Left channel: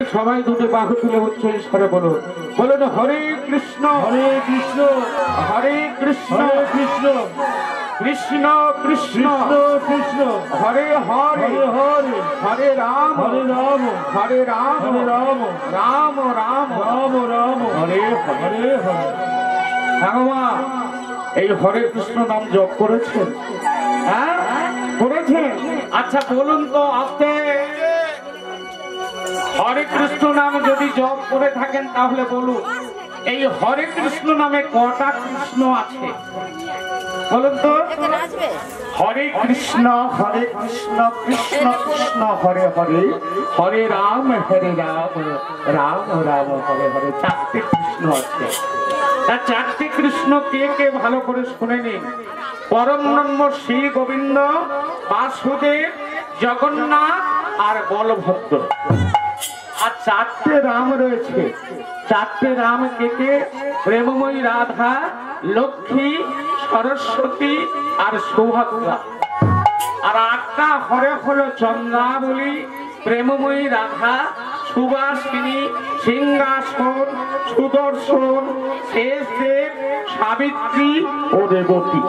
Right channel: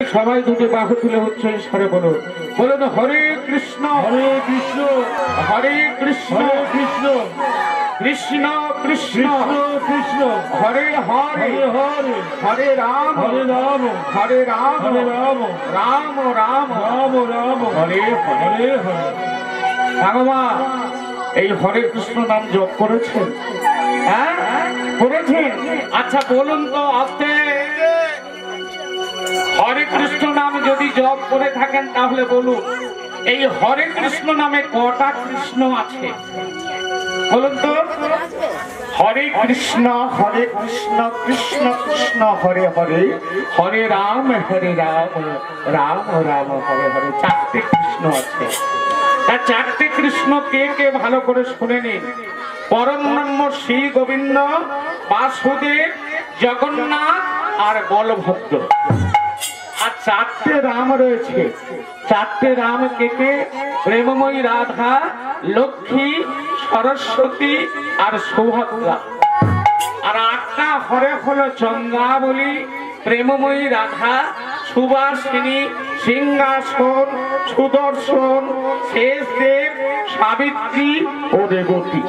সবাই দুটি বাহু তুলে উচ্চ ঈশ্বরে বলুন, বলুন হরে কৃষ্ণ হরে কৃষ্ণ হরে কৃষ্ণ কৃষ্ণ কৃষ্ণ কৃষ্ণ কৃষ্ণ হরে হরে হরে হরে হরে রাম হরে রাম হরে রাম হরে রাম রাম রাম রাম রাম হরে হরে হরে। ভগবান এই হরে কৃষ্ণ নাম জপ করেছেন? হ্যাঁ করেছেন। আচ্ছা বলুন তো আপনি হরে কৃষ্ণ নাম যদি জপ করে থাকেন তাহলে বলুন এই হরে কৃষ্ণ নামে কটা কৃষ্ণ আছে বলুন তো? হরে কৃষ্ণ কৃষ্ণ কৃষ্ণ হরে হরে হরে রাম রাম রাম হরে হরে। চারটে কৃষ্ণ আছে। তা চারটে কৃষ্ণ কে কে ভালো করে শুনে নিন। পরম ব্রহ্ম শ্রী গোবিন্দ, বাসুদেব, জগন্নাথ আর বলভদ্র। আর চারটে রাম রয়েছে। চারটে রাম কে কে? প্রেমময়ী রাধা, লক্ষ্মী, সরস্বতী আর সৌভাগ্যা। আর আটটা হরে হলো চন্দ্রাবলী, প্রেমময়ী রাধা, সুবাসিনী, সিংহাসন, সুদর্শন, শেষদেব, সাবিত্রী ও রেবতী।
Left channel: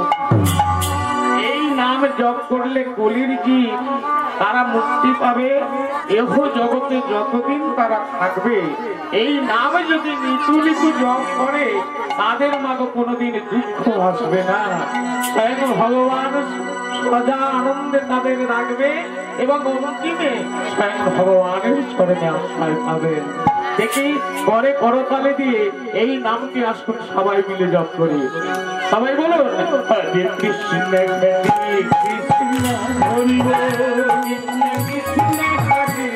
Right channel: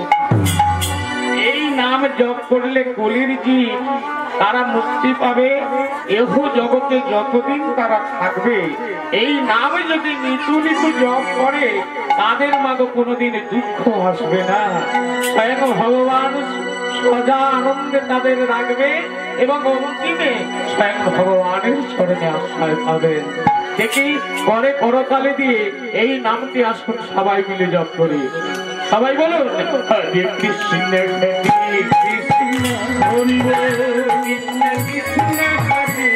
এই নাম জপ করলে কলির জীব তারা মুক্তি পাবে। এহ জগতে যতদিন তারা থাকবে এই নাম যদি নিতু নিতু জপ করে তাদের মাঝে কোনোদিন দুঃখ আসবে না। স্বয়ং ভগবান সদা আনন্দে তাদের রাখবে এবং অন্তিমে স্বয়ং ভগবানের চরণে আশ্রয় পাবেন। দেখি পরে করতালে দিয়ে এই নামটি আসুন সবাই মিলে জপ করি। সবাই বলুন হরে কৃষ্ণ কৃষ্ণ হরি বল, কৃষ্ণ কৃষ্ণ হরে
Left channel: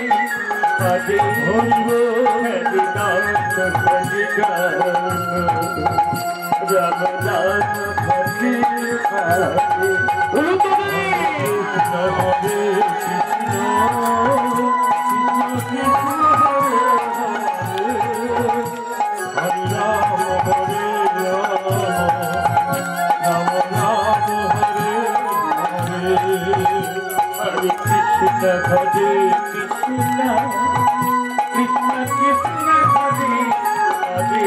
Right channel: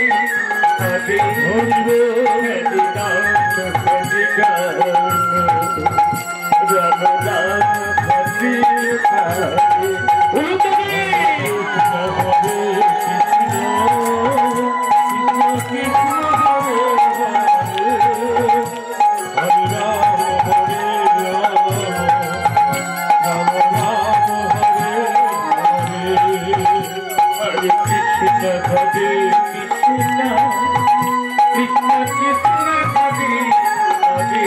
হরে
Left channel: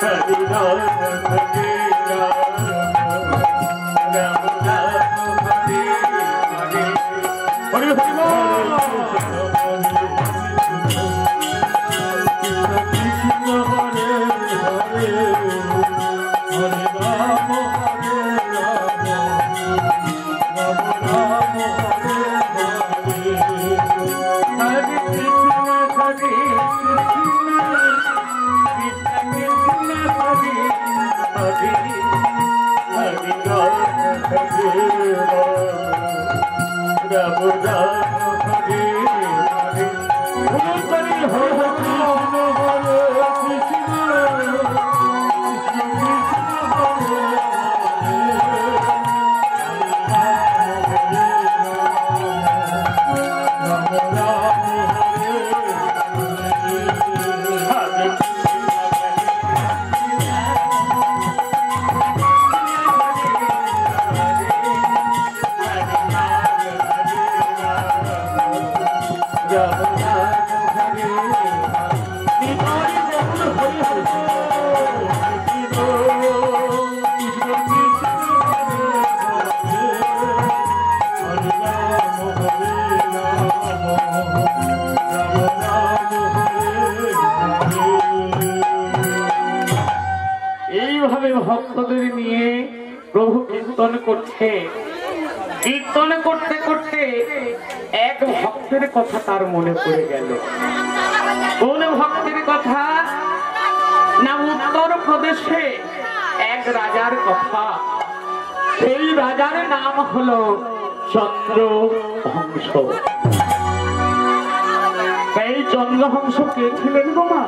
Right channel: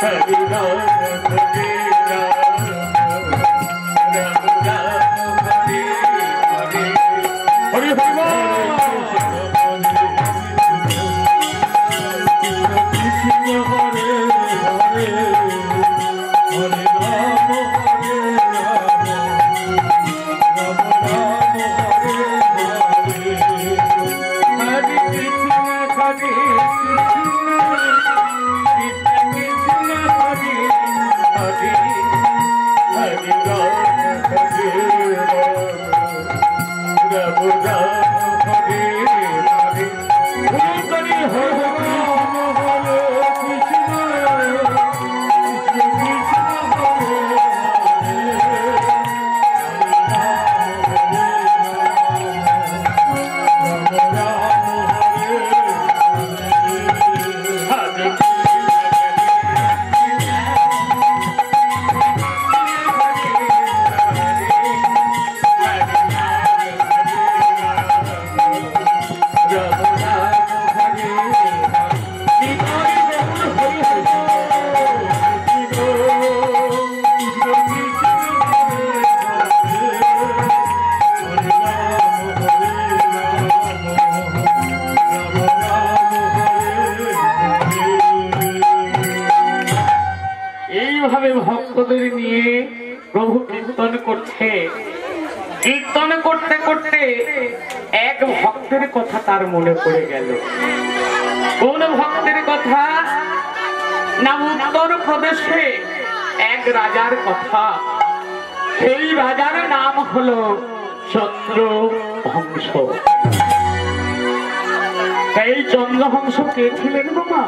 হরি বল, হরে রাম হরে রাম রাম রাম হরে হরে। বলুন তো কৃষ্ণ হরে কৃষ্ণ কৃষ্ণ কৃষ্ণ ভক্তদের নিয়ে প্রভু কীর্তন করছে। কীর্তন করতে করতে এক ভক্তের কথা তার মনে পড়ে গেল। কোন ভক্তের কথা? না উত্তর প্রদেশে এক রাজার কথা। সেই রাজার নাম হলো চন্দ্রহংস। এই চন্দ্রহংস কে ছিলেন গো মা?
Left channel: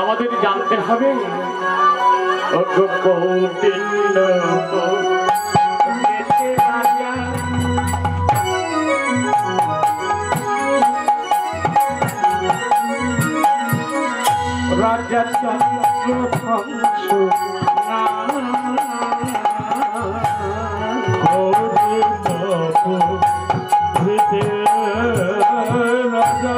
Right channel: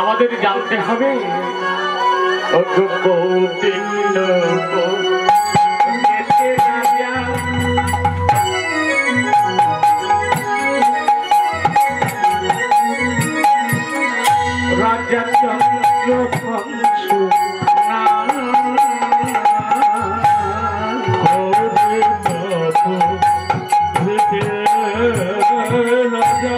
আমাদের জানতে হবে। রাজা চন্দ্রহংস রাজা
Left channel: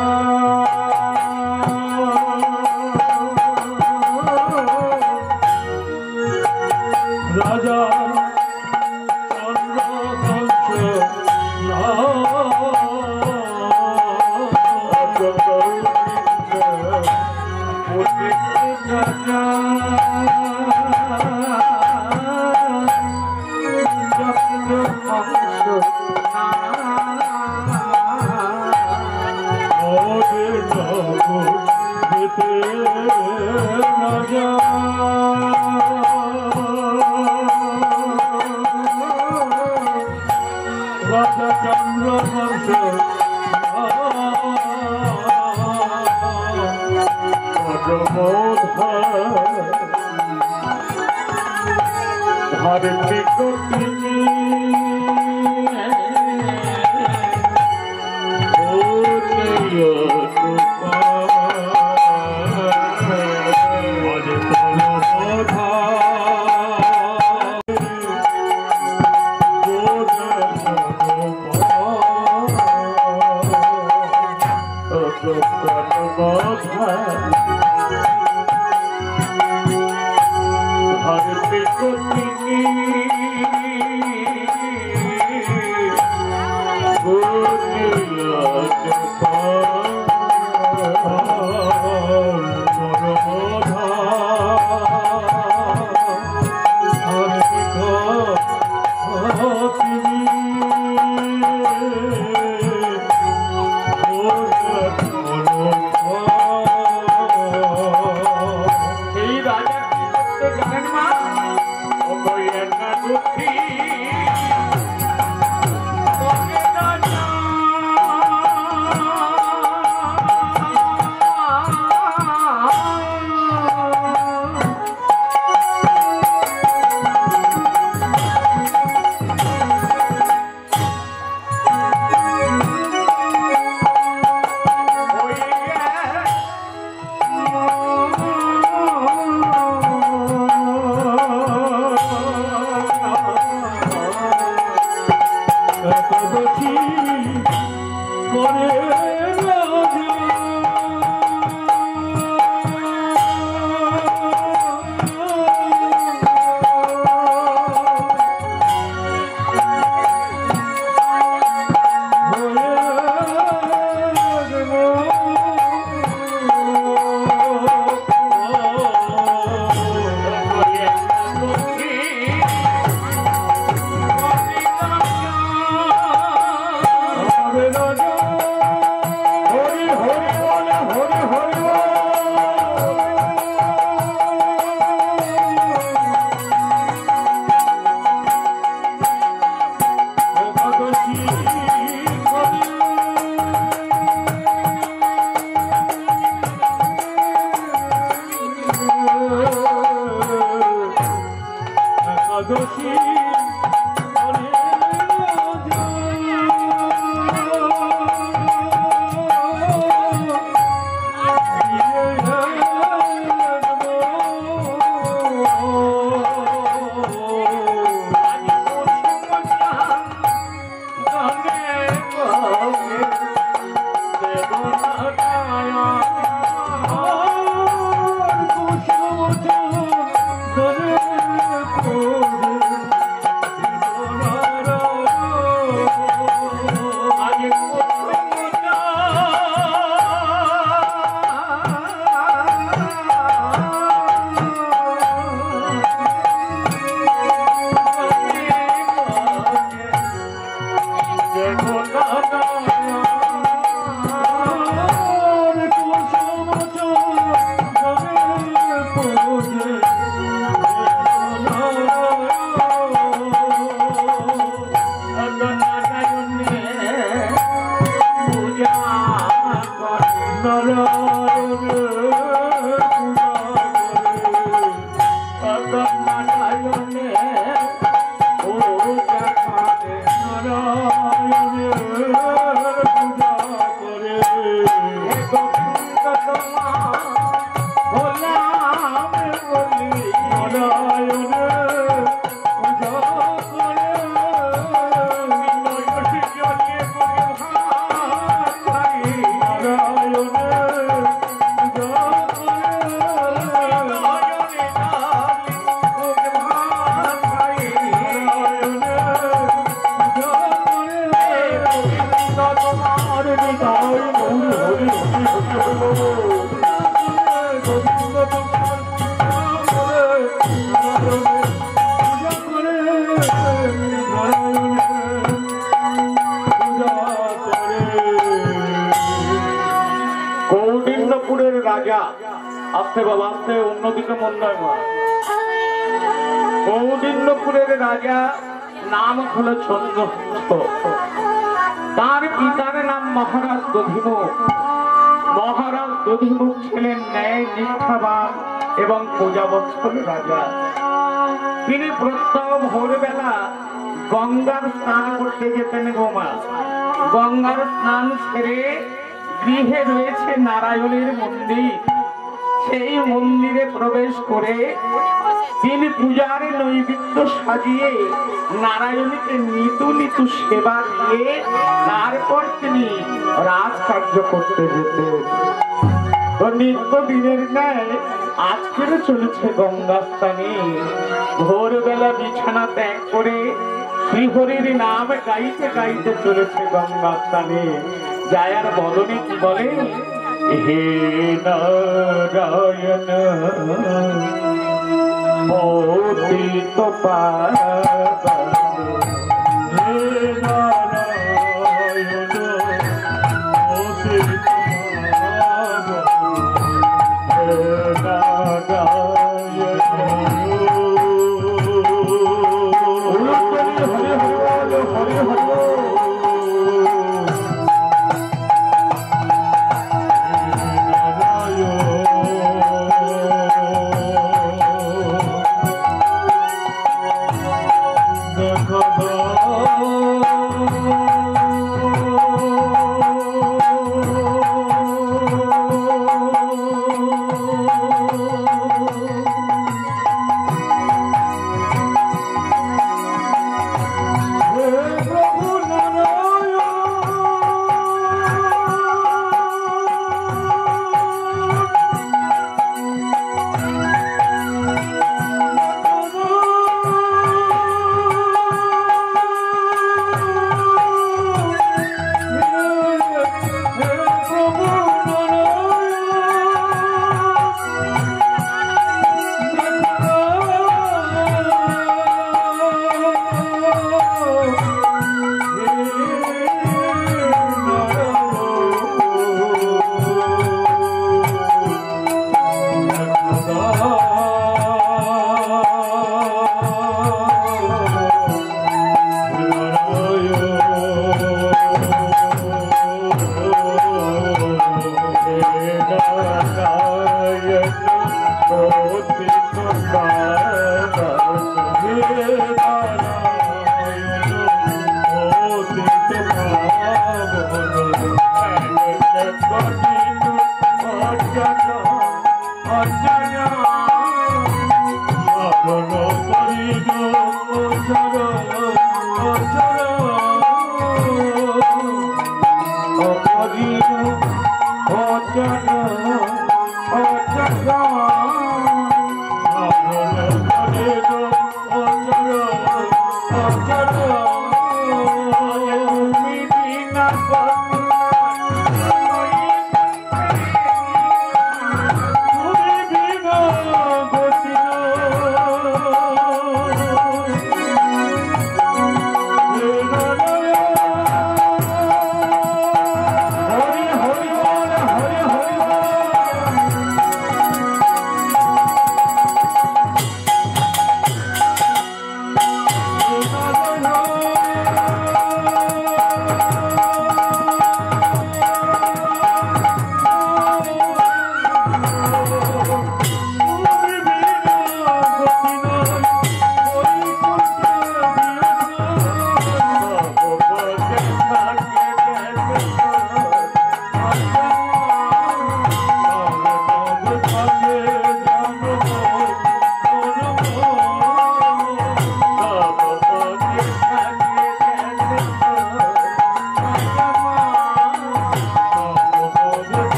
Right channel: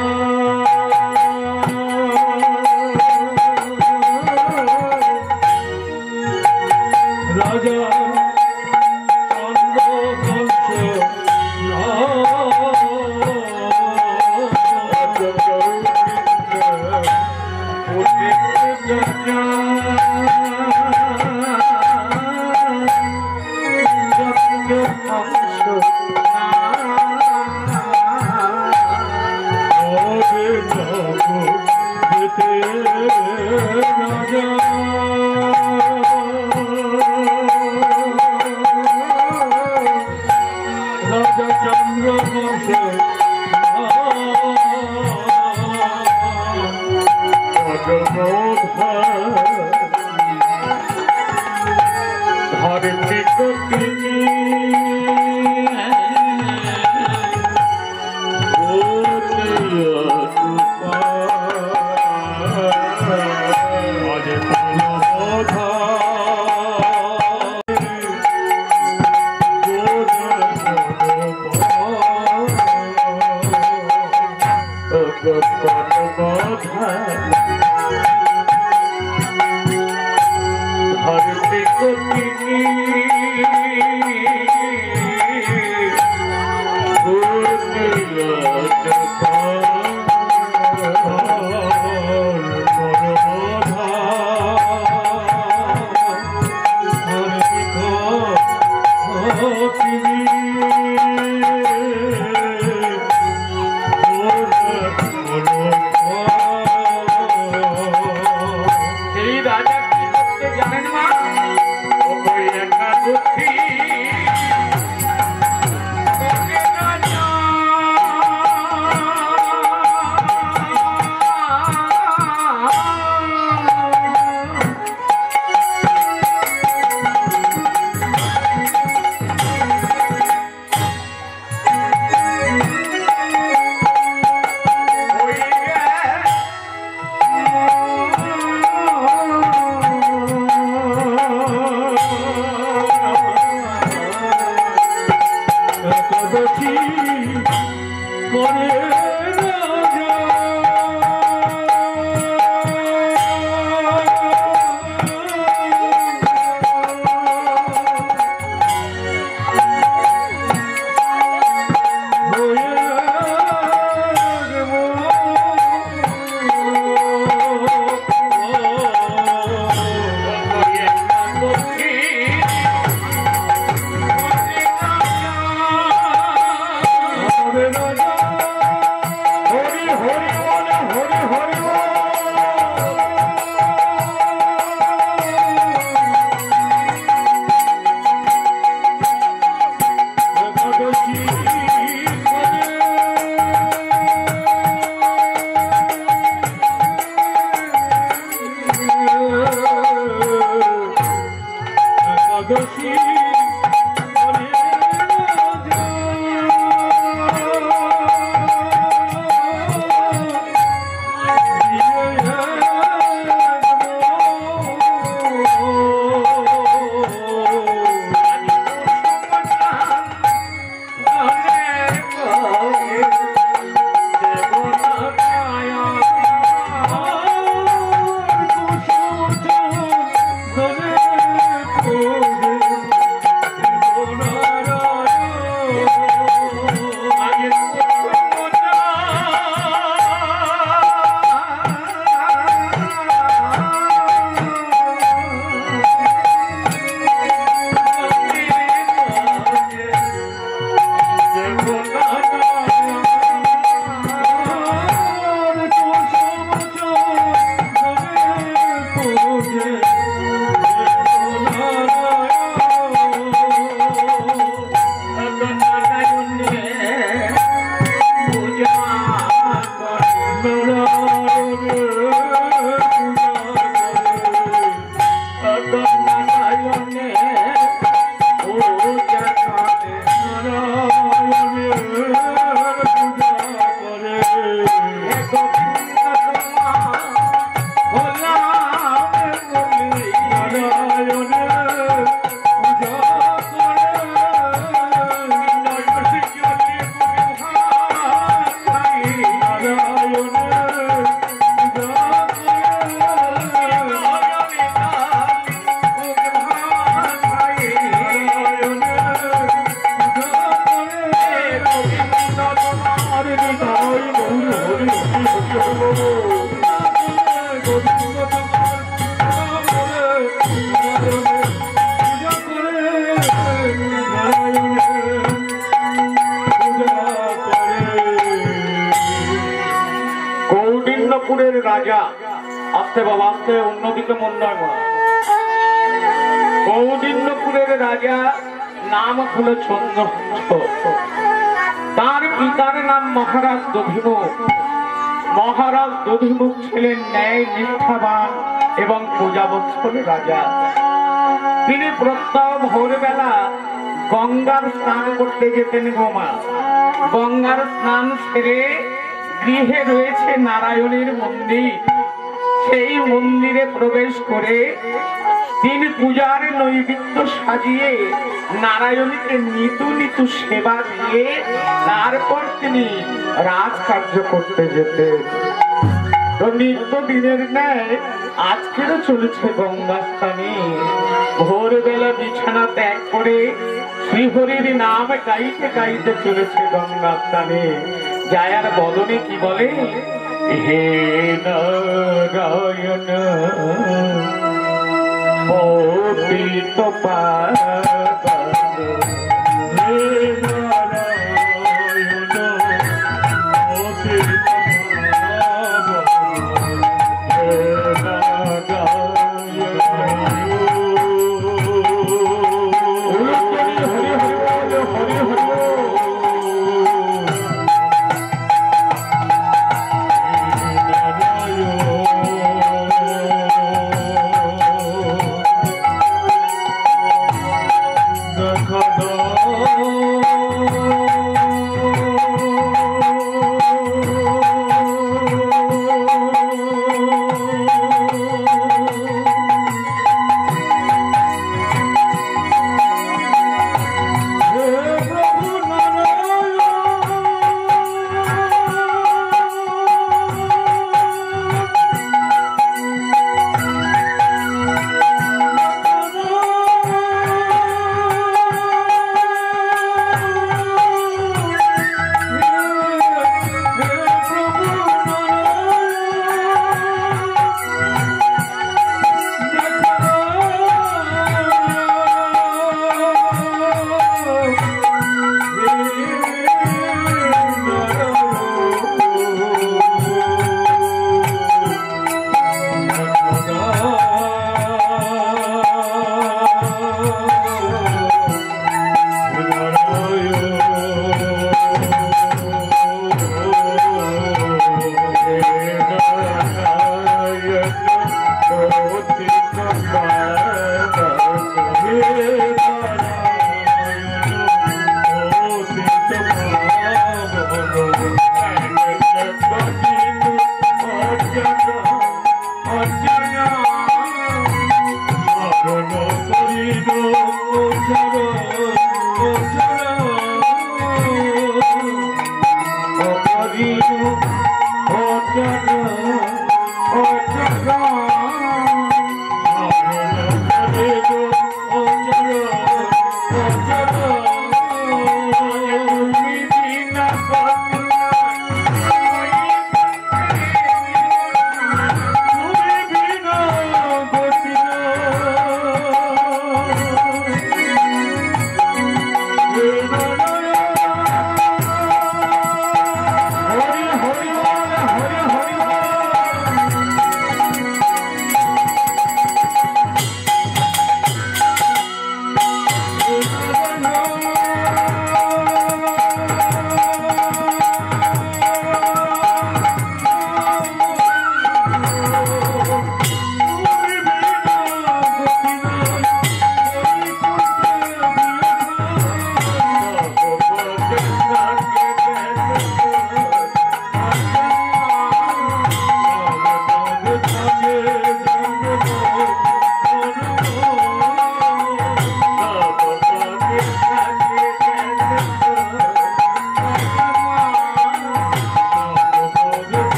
রাজা আস্তে বাবা আস্তে অন্যদিকে মন নয় মা। কৌডিন্যপুরের রাজা নাম হলো চন্দ্রগুপ্ত। তার পিতার নাম মহারাজ দধিমুখ। মহারাজ দধিমুখ ছিলেন ন্যায় নিষ্ঠাবান এবং প্রজাবৎসল রাজা। তিনি প্রত্যহ ভোরবেলা গঙ্গার স্নান করতে যেতেন। গোমা গঙ্গার স্নান সেরে গৃহে রয়েছে নারায়ণের মন্দির। সেই মন্দিরে প্রবেশ করে তিনি পূজার নৈবেদ্য সাজিয়ে নারায়ণকে নিতু নিতু সেবা দিয়ে তারপর তিনি রাজকার্য করতে যেতেন। তো নিত্য দিনের ন্যায় আজকেরও চলেছে গঙ্গা স্থানে। ভোরবেলা বিছানা ত্যাগ করে শ্রীহরির নাম গাইতে গাইতে চলেছে গঙ্গা স্থানে। জায়ার বদনে কি বলে, হে নারায়ণ পতিত পাবন, হে নারায়ণ পতিত পাবন, হে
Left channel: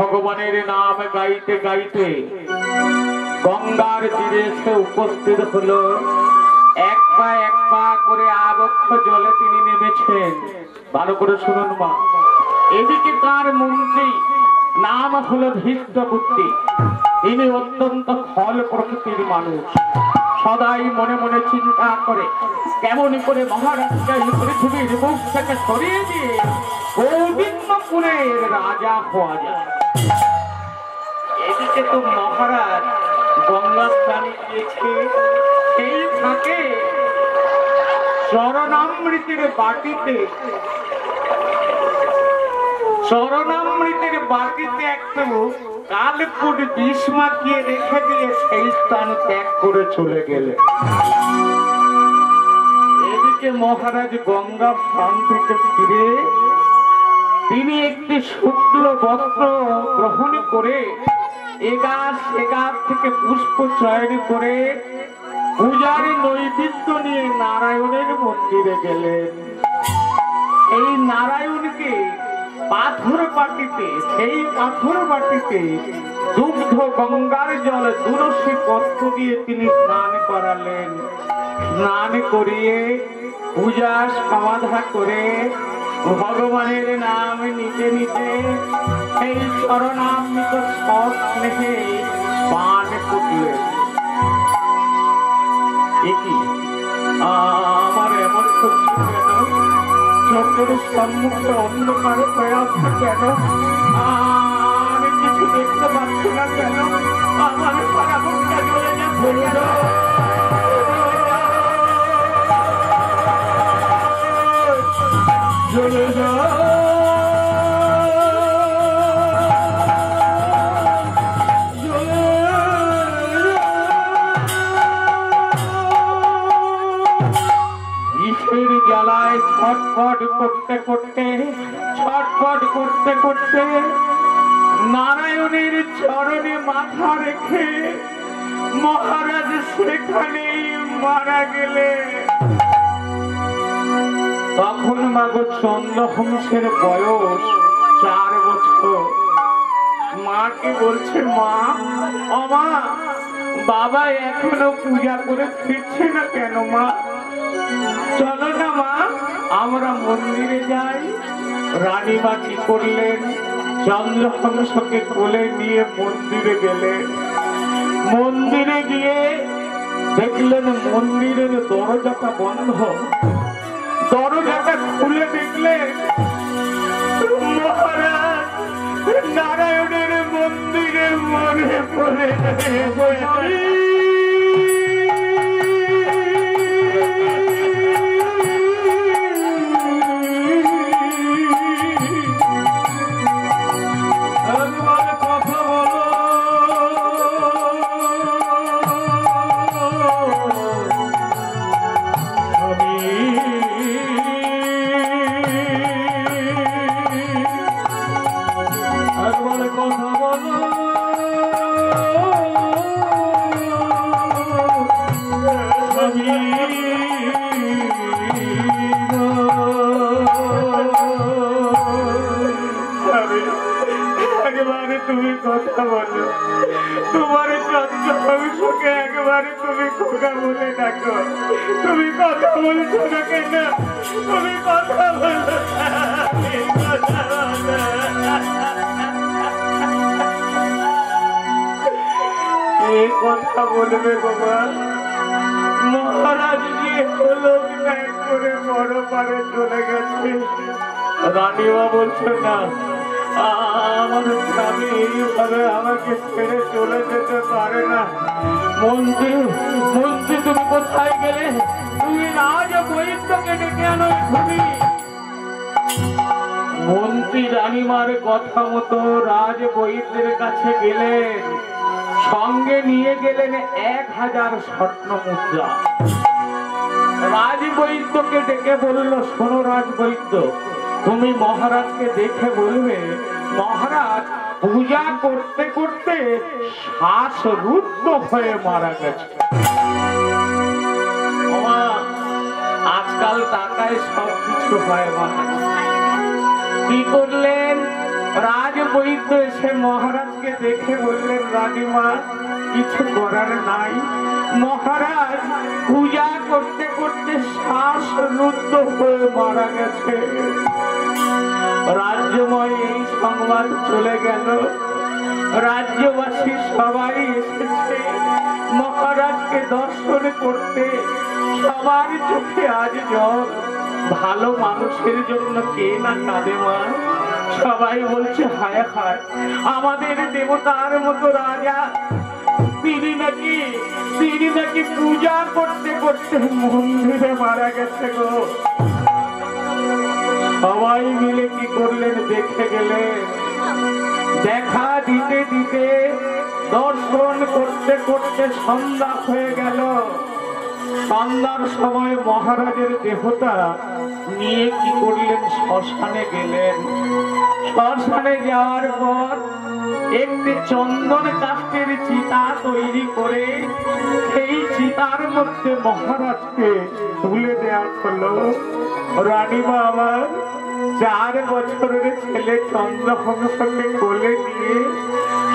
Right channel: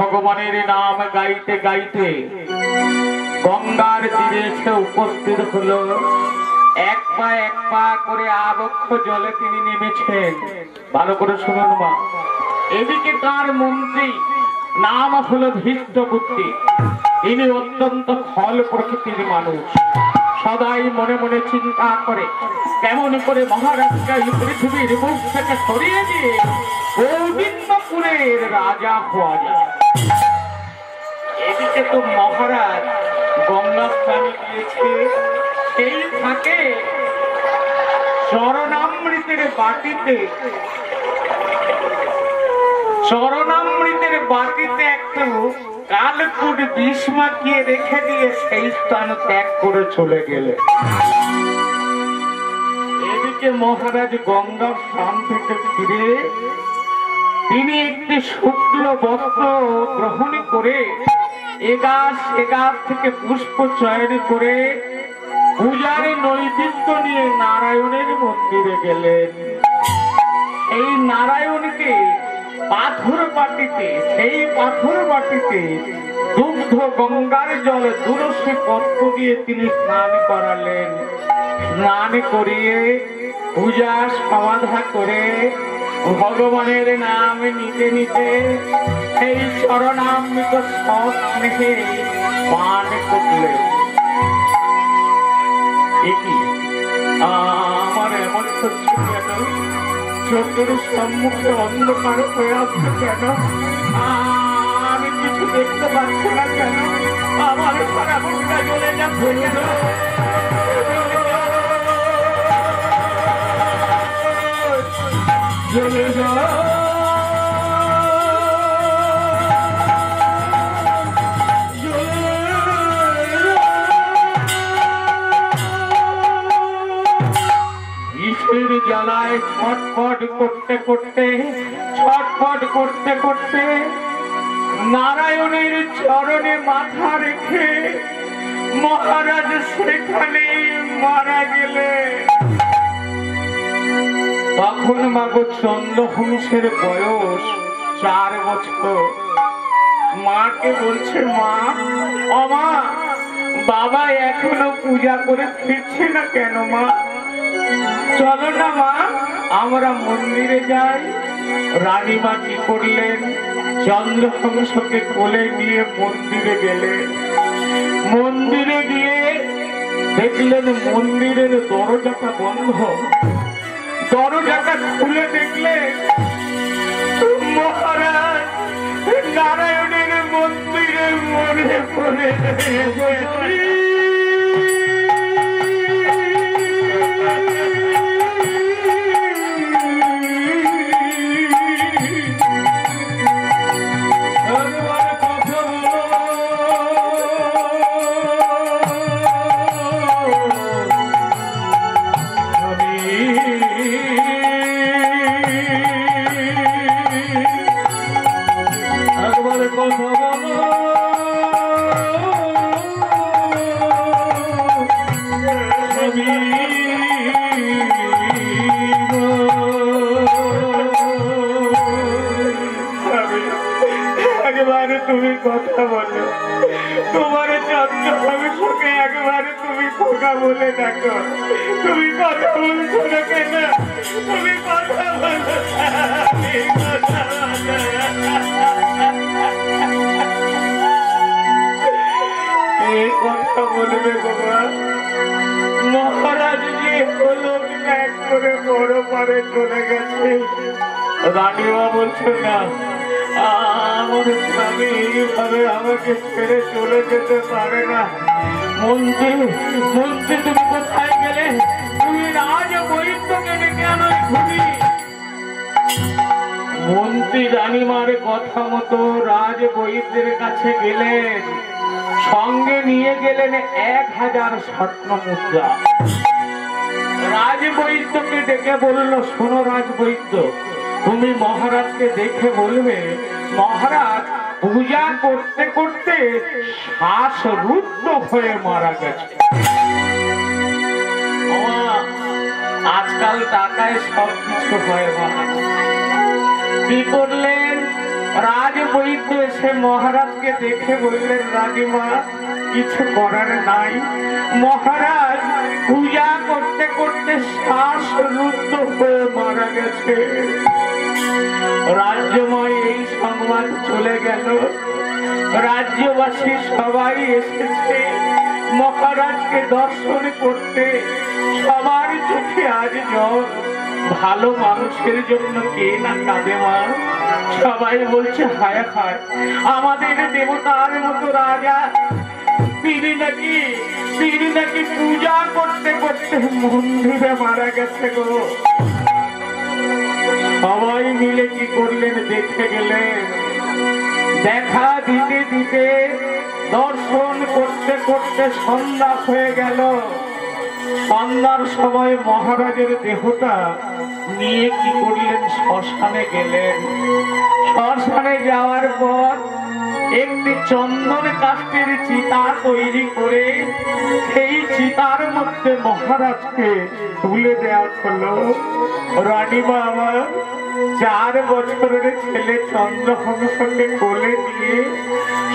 ভগবানের নাম গাইতে গাইতে গঙ্গার তীরে এসে উপস্থিত হলো। এক পা করে আবক্ষ জলে তিনি নেমেছেন। ভালো করে শুনুন মা। এদিকে তার মন্ত্রী নাম হলো ধৃষ্টবুদ্ধি। ইনি অত্যন্ত খল প্রকৃতির মানুষ। সদাই মনে মনে চিন্তা করে কেমন করে মহারাজকে এই পৃথিবীর মুখ থেকে সরিয়ে দিয়ে গোবিন্দপুরের রাজা হওয়া যায়। এদিকে তো মহারাজ গঙ্গা স্নানে গিয়েছে। সেই থাকে চরণামৃতের বাটিতে একটু কালকুট বিষ মাখিয়ে রেখে দিয়ে সেই স্থান ত্যাগ করে চলে গেলে। ওদিকে মহারাজ গঙ্গার স্থান থেকে ফিরে তিনি একটি শুক্ল বস্ত্র গ্রহণ করে এগাছ থেকে পুষ্প চয়ন করে পূজার নৈবেদ্য নিয়ে নারায়ণের মন্দিরে গেলেন। এই নারায়ণকে পাথর বাটিতে দুগ্ধ গঙ্গার জল তুলসী পত্র দিয়ে তিনি স্নান করালেন। স্নান করিয়ে পূজা সমাধা করে ভগবানের নাম নিতে নিতে এই চরণামৃত স্নেহে পান করলেন। আমার এমন হচ্ছে কেন? চোখের সম্মুখে অন্ধকার হয়ে আসছে কেন? আমি কিছু দেখতে পাচ্ছি না কেন? আমার সারা বুকটা জ্বলে যাচ্ছে কেন? জ্বলে যা জ্বালায় ছটফট করতে করতে নারায়ণের চরণে মাথা রেখে মহারাজ সেখানেই মারা গেলে। তখন মাগো চন্দ্রহংসের বয়স 4 বছর। মাকে বলছে, মা আমা বাবা এখনো পূজা করে ফিরছে না কেন? মা চলো না মা, আমরা মন্দিরে যাই। রানীমা কি করলেন? চন্দ্রহংসকে কোলে নিয়ে মন্দিরে গেলেন। মন্দিরে গিয়ে দেখলেন মন্দিরের দরজাটা বন্ধ। দরজাটা খুলে দেখলেন মহারাজ নারায়ণের মন্দিরে মরে পড়ে তুমি কথা বলো। তোমার চন্দ্রহংসকে একবারে তুমি খোকা বলে ডাকো। তুমি কথা বলছো না কেন? তুমি কথা বলো। এই কথা বলবে বাবা। মহারাজ জি হলো এক করে বড় পারে চলে গেছে। রানীমা বলছে না, আমাদের স্বামী এইভাবে আমাকে ছেড়ে চলে যেতে পারে না। মন্ত্রী তুমি কোথায় গেলে? তুমি রাজ বৈদ্যকে ডেকে আনো এক্ষুনি। মন্ত্রী রানীমার কথা মতো রাজ বৈদ্যের কাছে গেলেন। সঙ্গে নিয়ে গেলেন 1000 স্বর্ণ মুদ্রা। রাজ বৈদ্যকে ডেকে বলল, শোনো রাজ বৈদ্য, তুমি মহারাজকে দেখে বলবে মহারাজ পূজা করতে করতে শ্বাসরুদ্ধ হয়ে মারা গেছে। আজকাল টাকায় সবকিছু হয়। মহারাজ কি করলেন? রাজ বৈদ্য এসে মহারাজকে দেখে বললেন, রানীমা কিছু করার নাই, মহারাজ পূজা করতে করতে শ্বাসরুদ্ধ হয়ে মারা গেছে। রাজ্যময় এই সংবাদ চলে গেল। রাজ্যবাসী সবাই এসেছে মহারাজকে দর্শন করতে। সবার চোখে আজ জল। ভালো মানুষের জন্য কে না কাঁদে মা? সবাই বলছে হায় হায়, আমাদের দেবতার মতো রাজা তিনি নাকি পূজা করতে করতে মন্দিরে মারা গেছে গো। সবাই মিলে কি করলেন? দেখে গেলেন। দেখা দিতে দিতে দর্শন করতে করতে সন্ধ্যা হয়ে গেল। সন্ধ্যার সময় মহারাজের দেহটা নিয়ে কি করলেন, শ্মশানে গেলেন। শ্মশানে যাওয়ার পর একটি চন্দন কাষ্ঠের চিতা তৈরি করে সেই চিতার মধ্যে মহারাজকে তুলে দেওয়া হলো। রানীমা আমার 4 বছরের ছেলে চন্দ্রহংসকে কোলে নিয়ে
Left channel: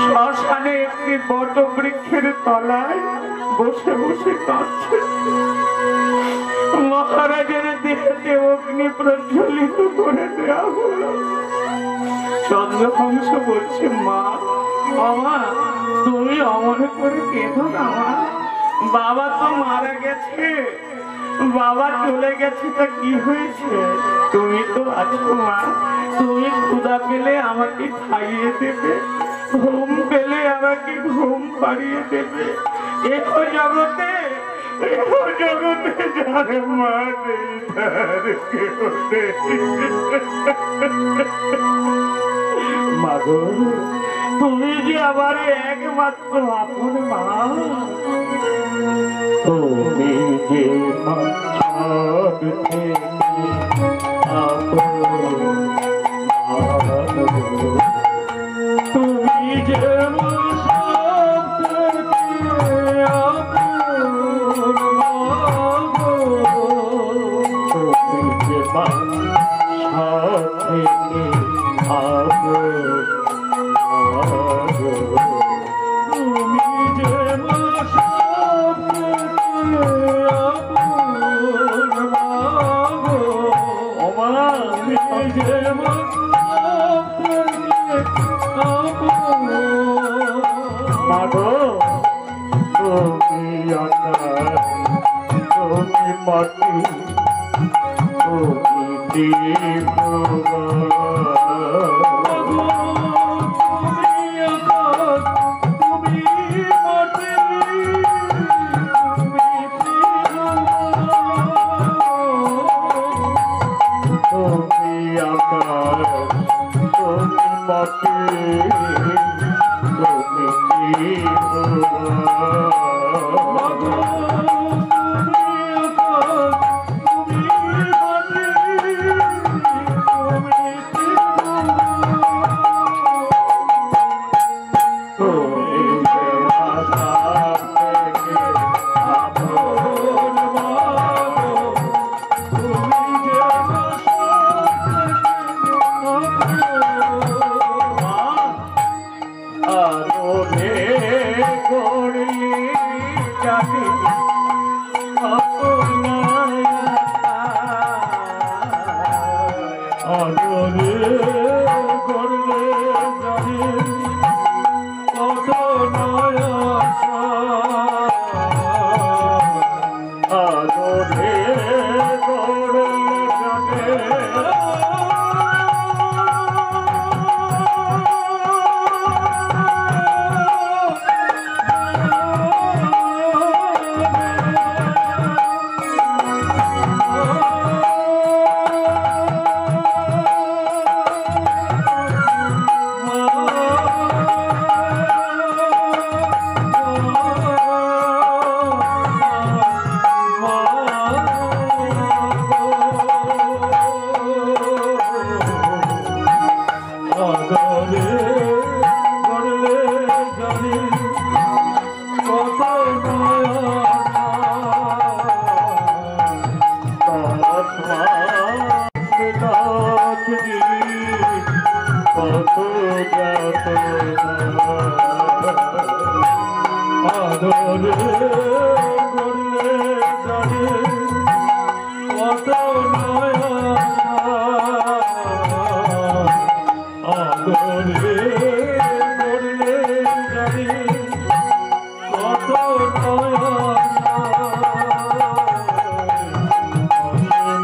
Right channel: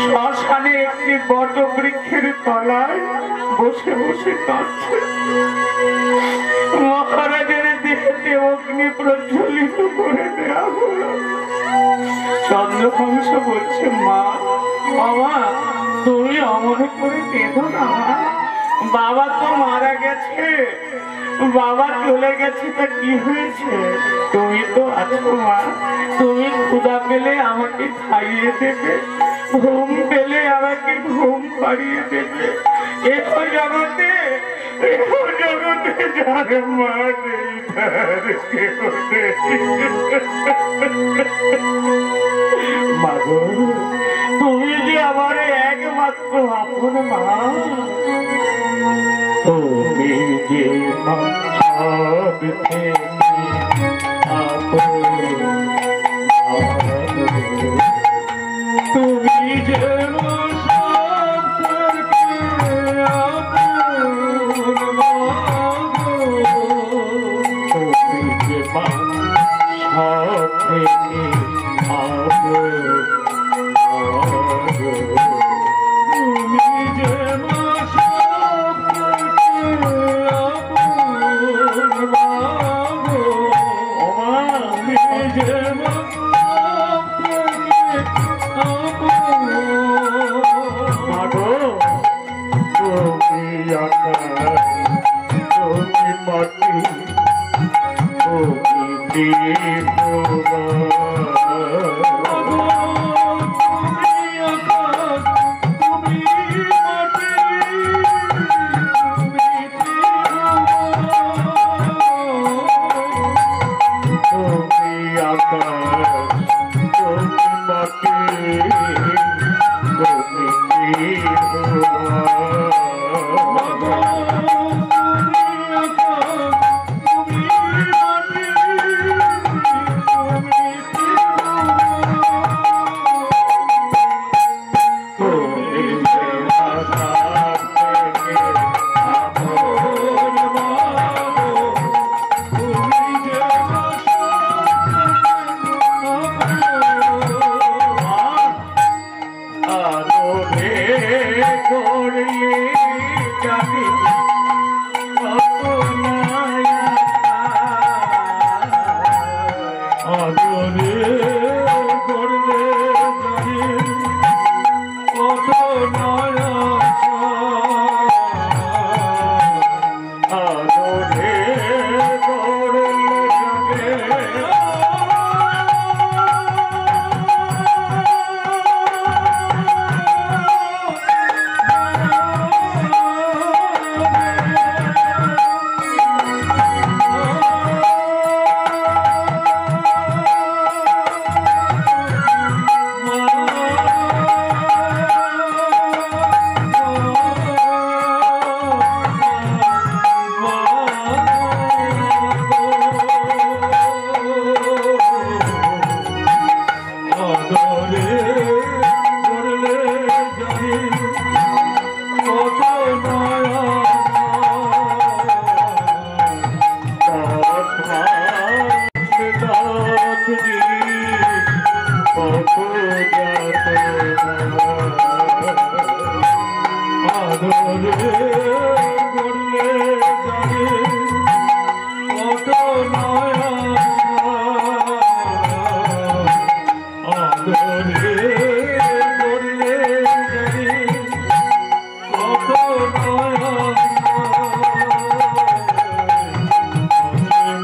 শ্মশানে একটি বট বৃক্ষের তলায় বসে বসে কাঁদছে। মহারাজের দেহেতে অগ্নি প্রজ্বলিত করে দেওয়া হলো। চন্দ্রহংস বলছে, মা বাবা তুমি অমর করে কেঁদো না, বাবা তো মারা গেছে, বাবা চলে গেছে, তা কি হয়েছে, তুমি তো আছো মা, তুমি ক্ষুধা পেলে আমাকে খাইয়ে দেবে, ঘুম পেলে আমাকে ঘুম পাড়িয়ে দেবে। এতো জগতে যার মা নেই তার কেউ নেই। মাগো তুমি যে আমার একমাত্র আপন মা, তুমি যে সব থেকে আপন, তুমি যে সব থেকে আপন, তুমি যে সব থেকে আপন, তুমি যে সব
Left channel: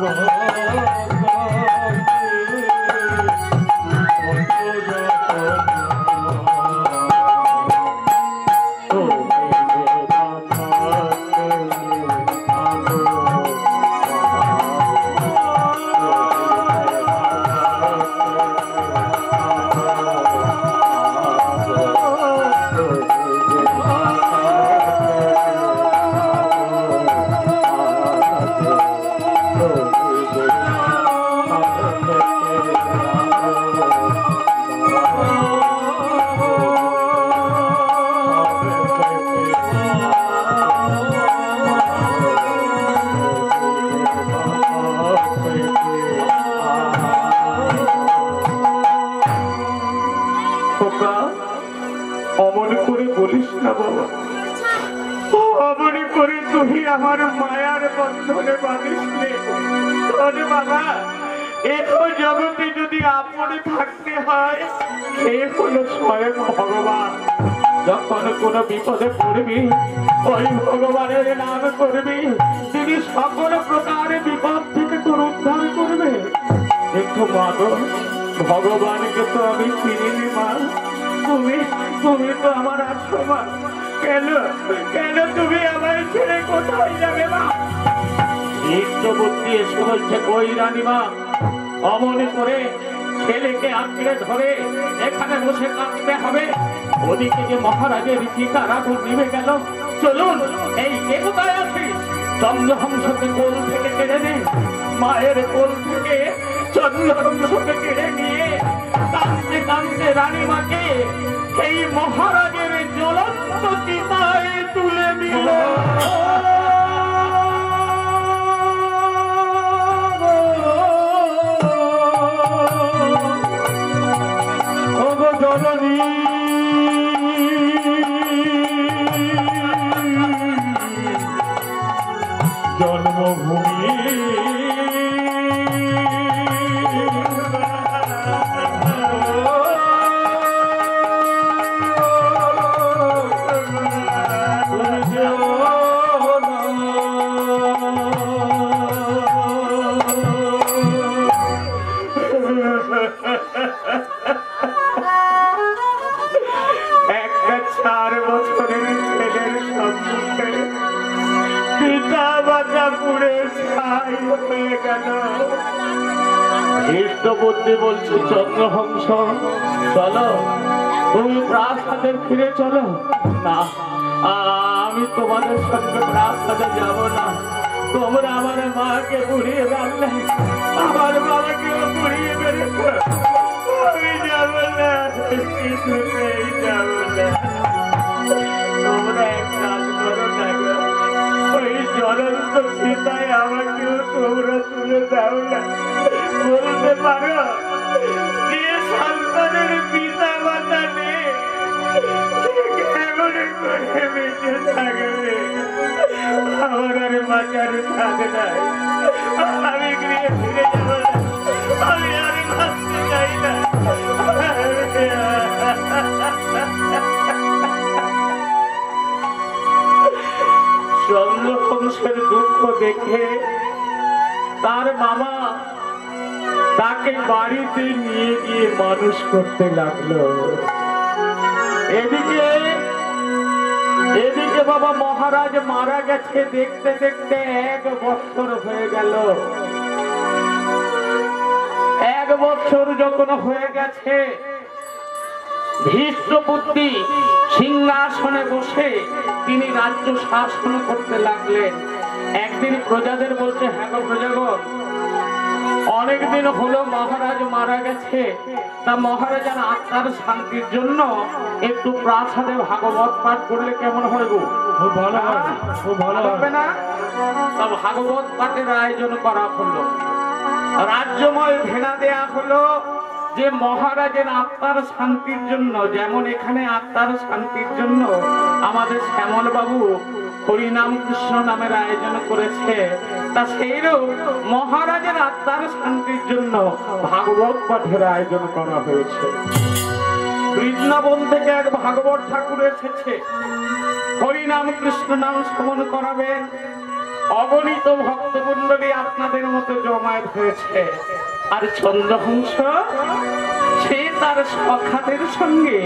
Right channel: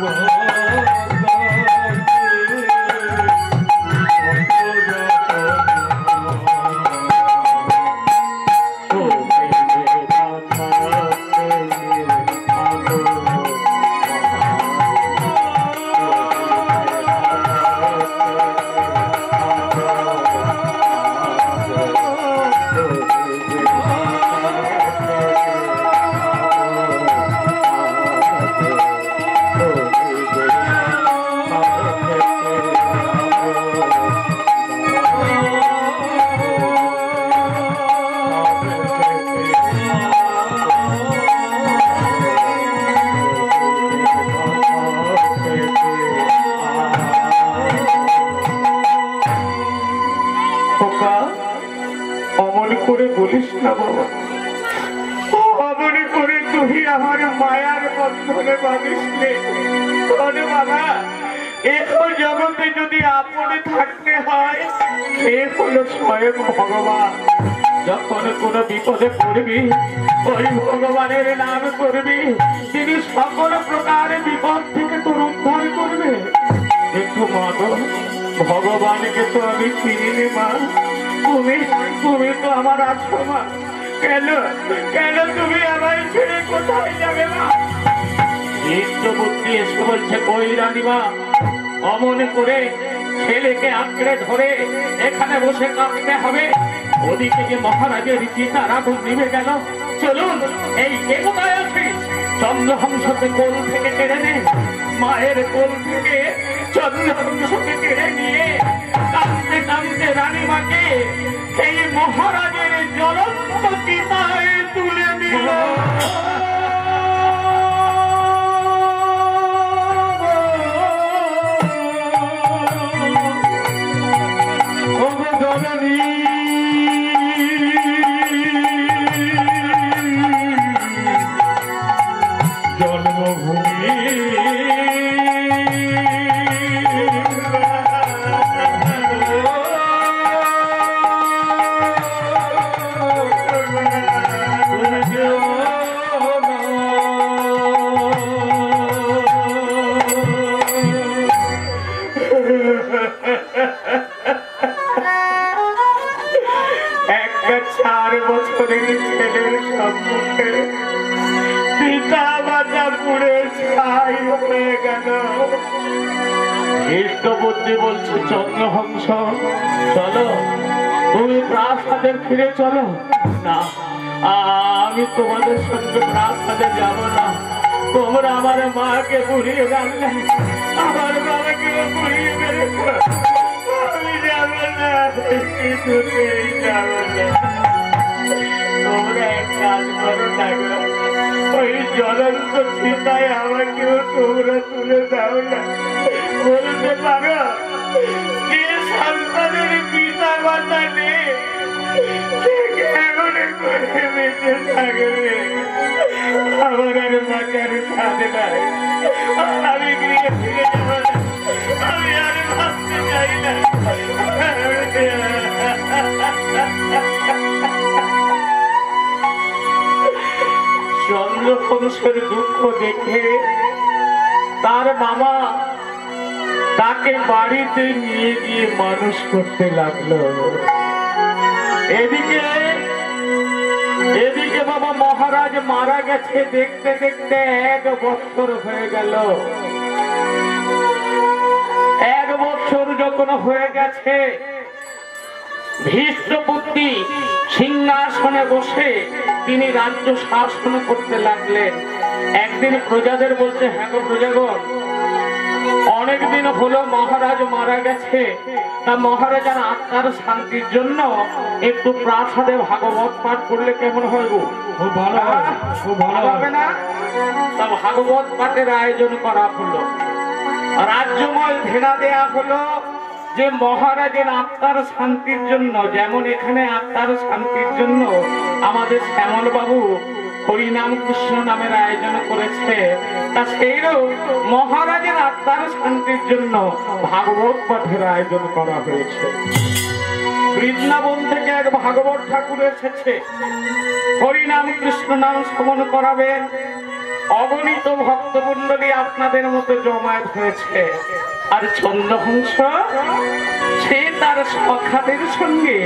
Oh অমন করে বলিস না বাবা, অমন করে তুই আমার মায়ার বন্ধনে বাঁধিসলে। বাবা, এত জগতে যদি আপনে থাকতে হয়, এ হলো স্বয়ং ভগবান। যখন কোন বিপদে পড়বি, ওই ভগবানের নাম করবি, তিনি সকল প্রকার বিপদ থেকে তোর উদ্ধার করবে। দেখো মা গো, ভগবানকে তো আমি চিনি মা, তুমি তো আমার আছো মা। কেন কেন তুমি আমায় ছেড়ে কোথায় যাবে মা? ইষ্ট বুদ্ধি এসে বলছে, কই রানীমা, অমন করে ছেলেকে আঁকড়ে ধরে এখানে বসে কাঁদতে হবে? ওদিকে যে মহারাজের চিতার আগুন নিভে গেল। চলুন, এই কে কোথায় আছিস? চন্দ্রহংসকে কোল থেকে কেড়ে নে, মায়ের কোল থেকে চন্দ্রহংসকে কেড়ে নিয়ে কাঁদতে কাঁদতে রানীমাকে এই মহারাজের জ্বলন্ত চিতায় তুলে দিল। জন্মভূমি একটা 4 বছরের ছেলের সম্মুখে পিতা মাতা পুড়ে ছাই হয়ে গেল। ইষ্ট বুদ্ধি বলছে, চন্দ্রহংস চলো, তুমি প্রাসাদে ফিরে চলো। না, আমি তোমাদের সঙ্গে প্রাসাদে যাব না। তোমরা আমার মাকে পুড়িয়ে রাখলে, আমার বাবাকেও পুড়িয়ে মেরেছ। আমি যাব না, কিছুতেই যাব না। তোমরা এক কাজ করো না গো, ওই জ্বলন্ত চিতায় আমাকেও তোমরা তুলে দাও না। বলতে পারো, যে সন্তানের পিতা মাতা নেই, সে কেমন করে বেঁচে থাকবে? আমার আর বাঁচার সাথ নাই। আমি গিয়ে ফিরে যাব না, আমি আর ভাবতে চাই না। চন্দ্রহংসের দুঃখ দেখে তার মামা তাকে বাড়িতে নিয়ে গিয়ে মানুষ করতে লাগলো। এদিকে বাবা মহারাজ মারা গেছে, দেখতে দেখতে 1 বছর হয়ে গেল। 1 বছর যখন হয়ে গেছে, ধৃষ্টপুত্র সিংহাসনে বসে তিনি রাজ্য শাসন করতে লাগলেন। একদিন প্রজাদের বলতে, হ্যাঁ গো প্রজাগণ, অনেকদিন হলো মহারাজ মারা গেছে, তা মহারাজার আত্মার শান্তির জন্য একটু প্রাসাদে ভাগবত পাঠ করলে কেমন হয় গো? খুব ভালো হয়, খুব ভালো হবে না? তা ভাগবত পাঠের আয়োজন করা হলো, রাজ্যময় ঘেরা দেয়া হলো যে মহারাজের আত্মার শান্তির জন্য, যেমন এখানে আত্মার শান্তির জন্য আমাদের শ্যামল বাবু হরিনাম কৃষ্ণ নামের আয়োজন করেছে, তা সেইরূপ মহারাজের আত্মার শান্তির জন্য ভাগবত পাঠের আয়োজন করা হয়েছে। বৃন্দাবন থেকে এক ভাগবত ঠাকুর এসেছে, হরিনাম কৃষ্ণ নাম শ্রবণ করাবেন। অগণিত ভক্তমণ্ডলী আপনাদের মতো জমায়েত হয়েছে। আর চন্দ্রহংস সে তার সখাদের সঙ্গে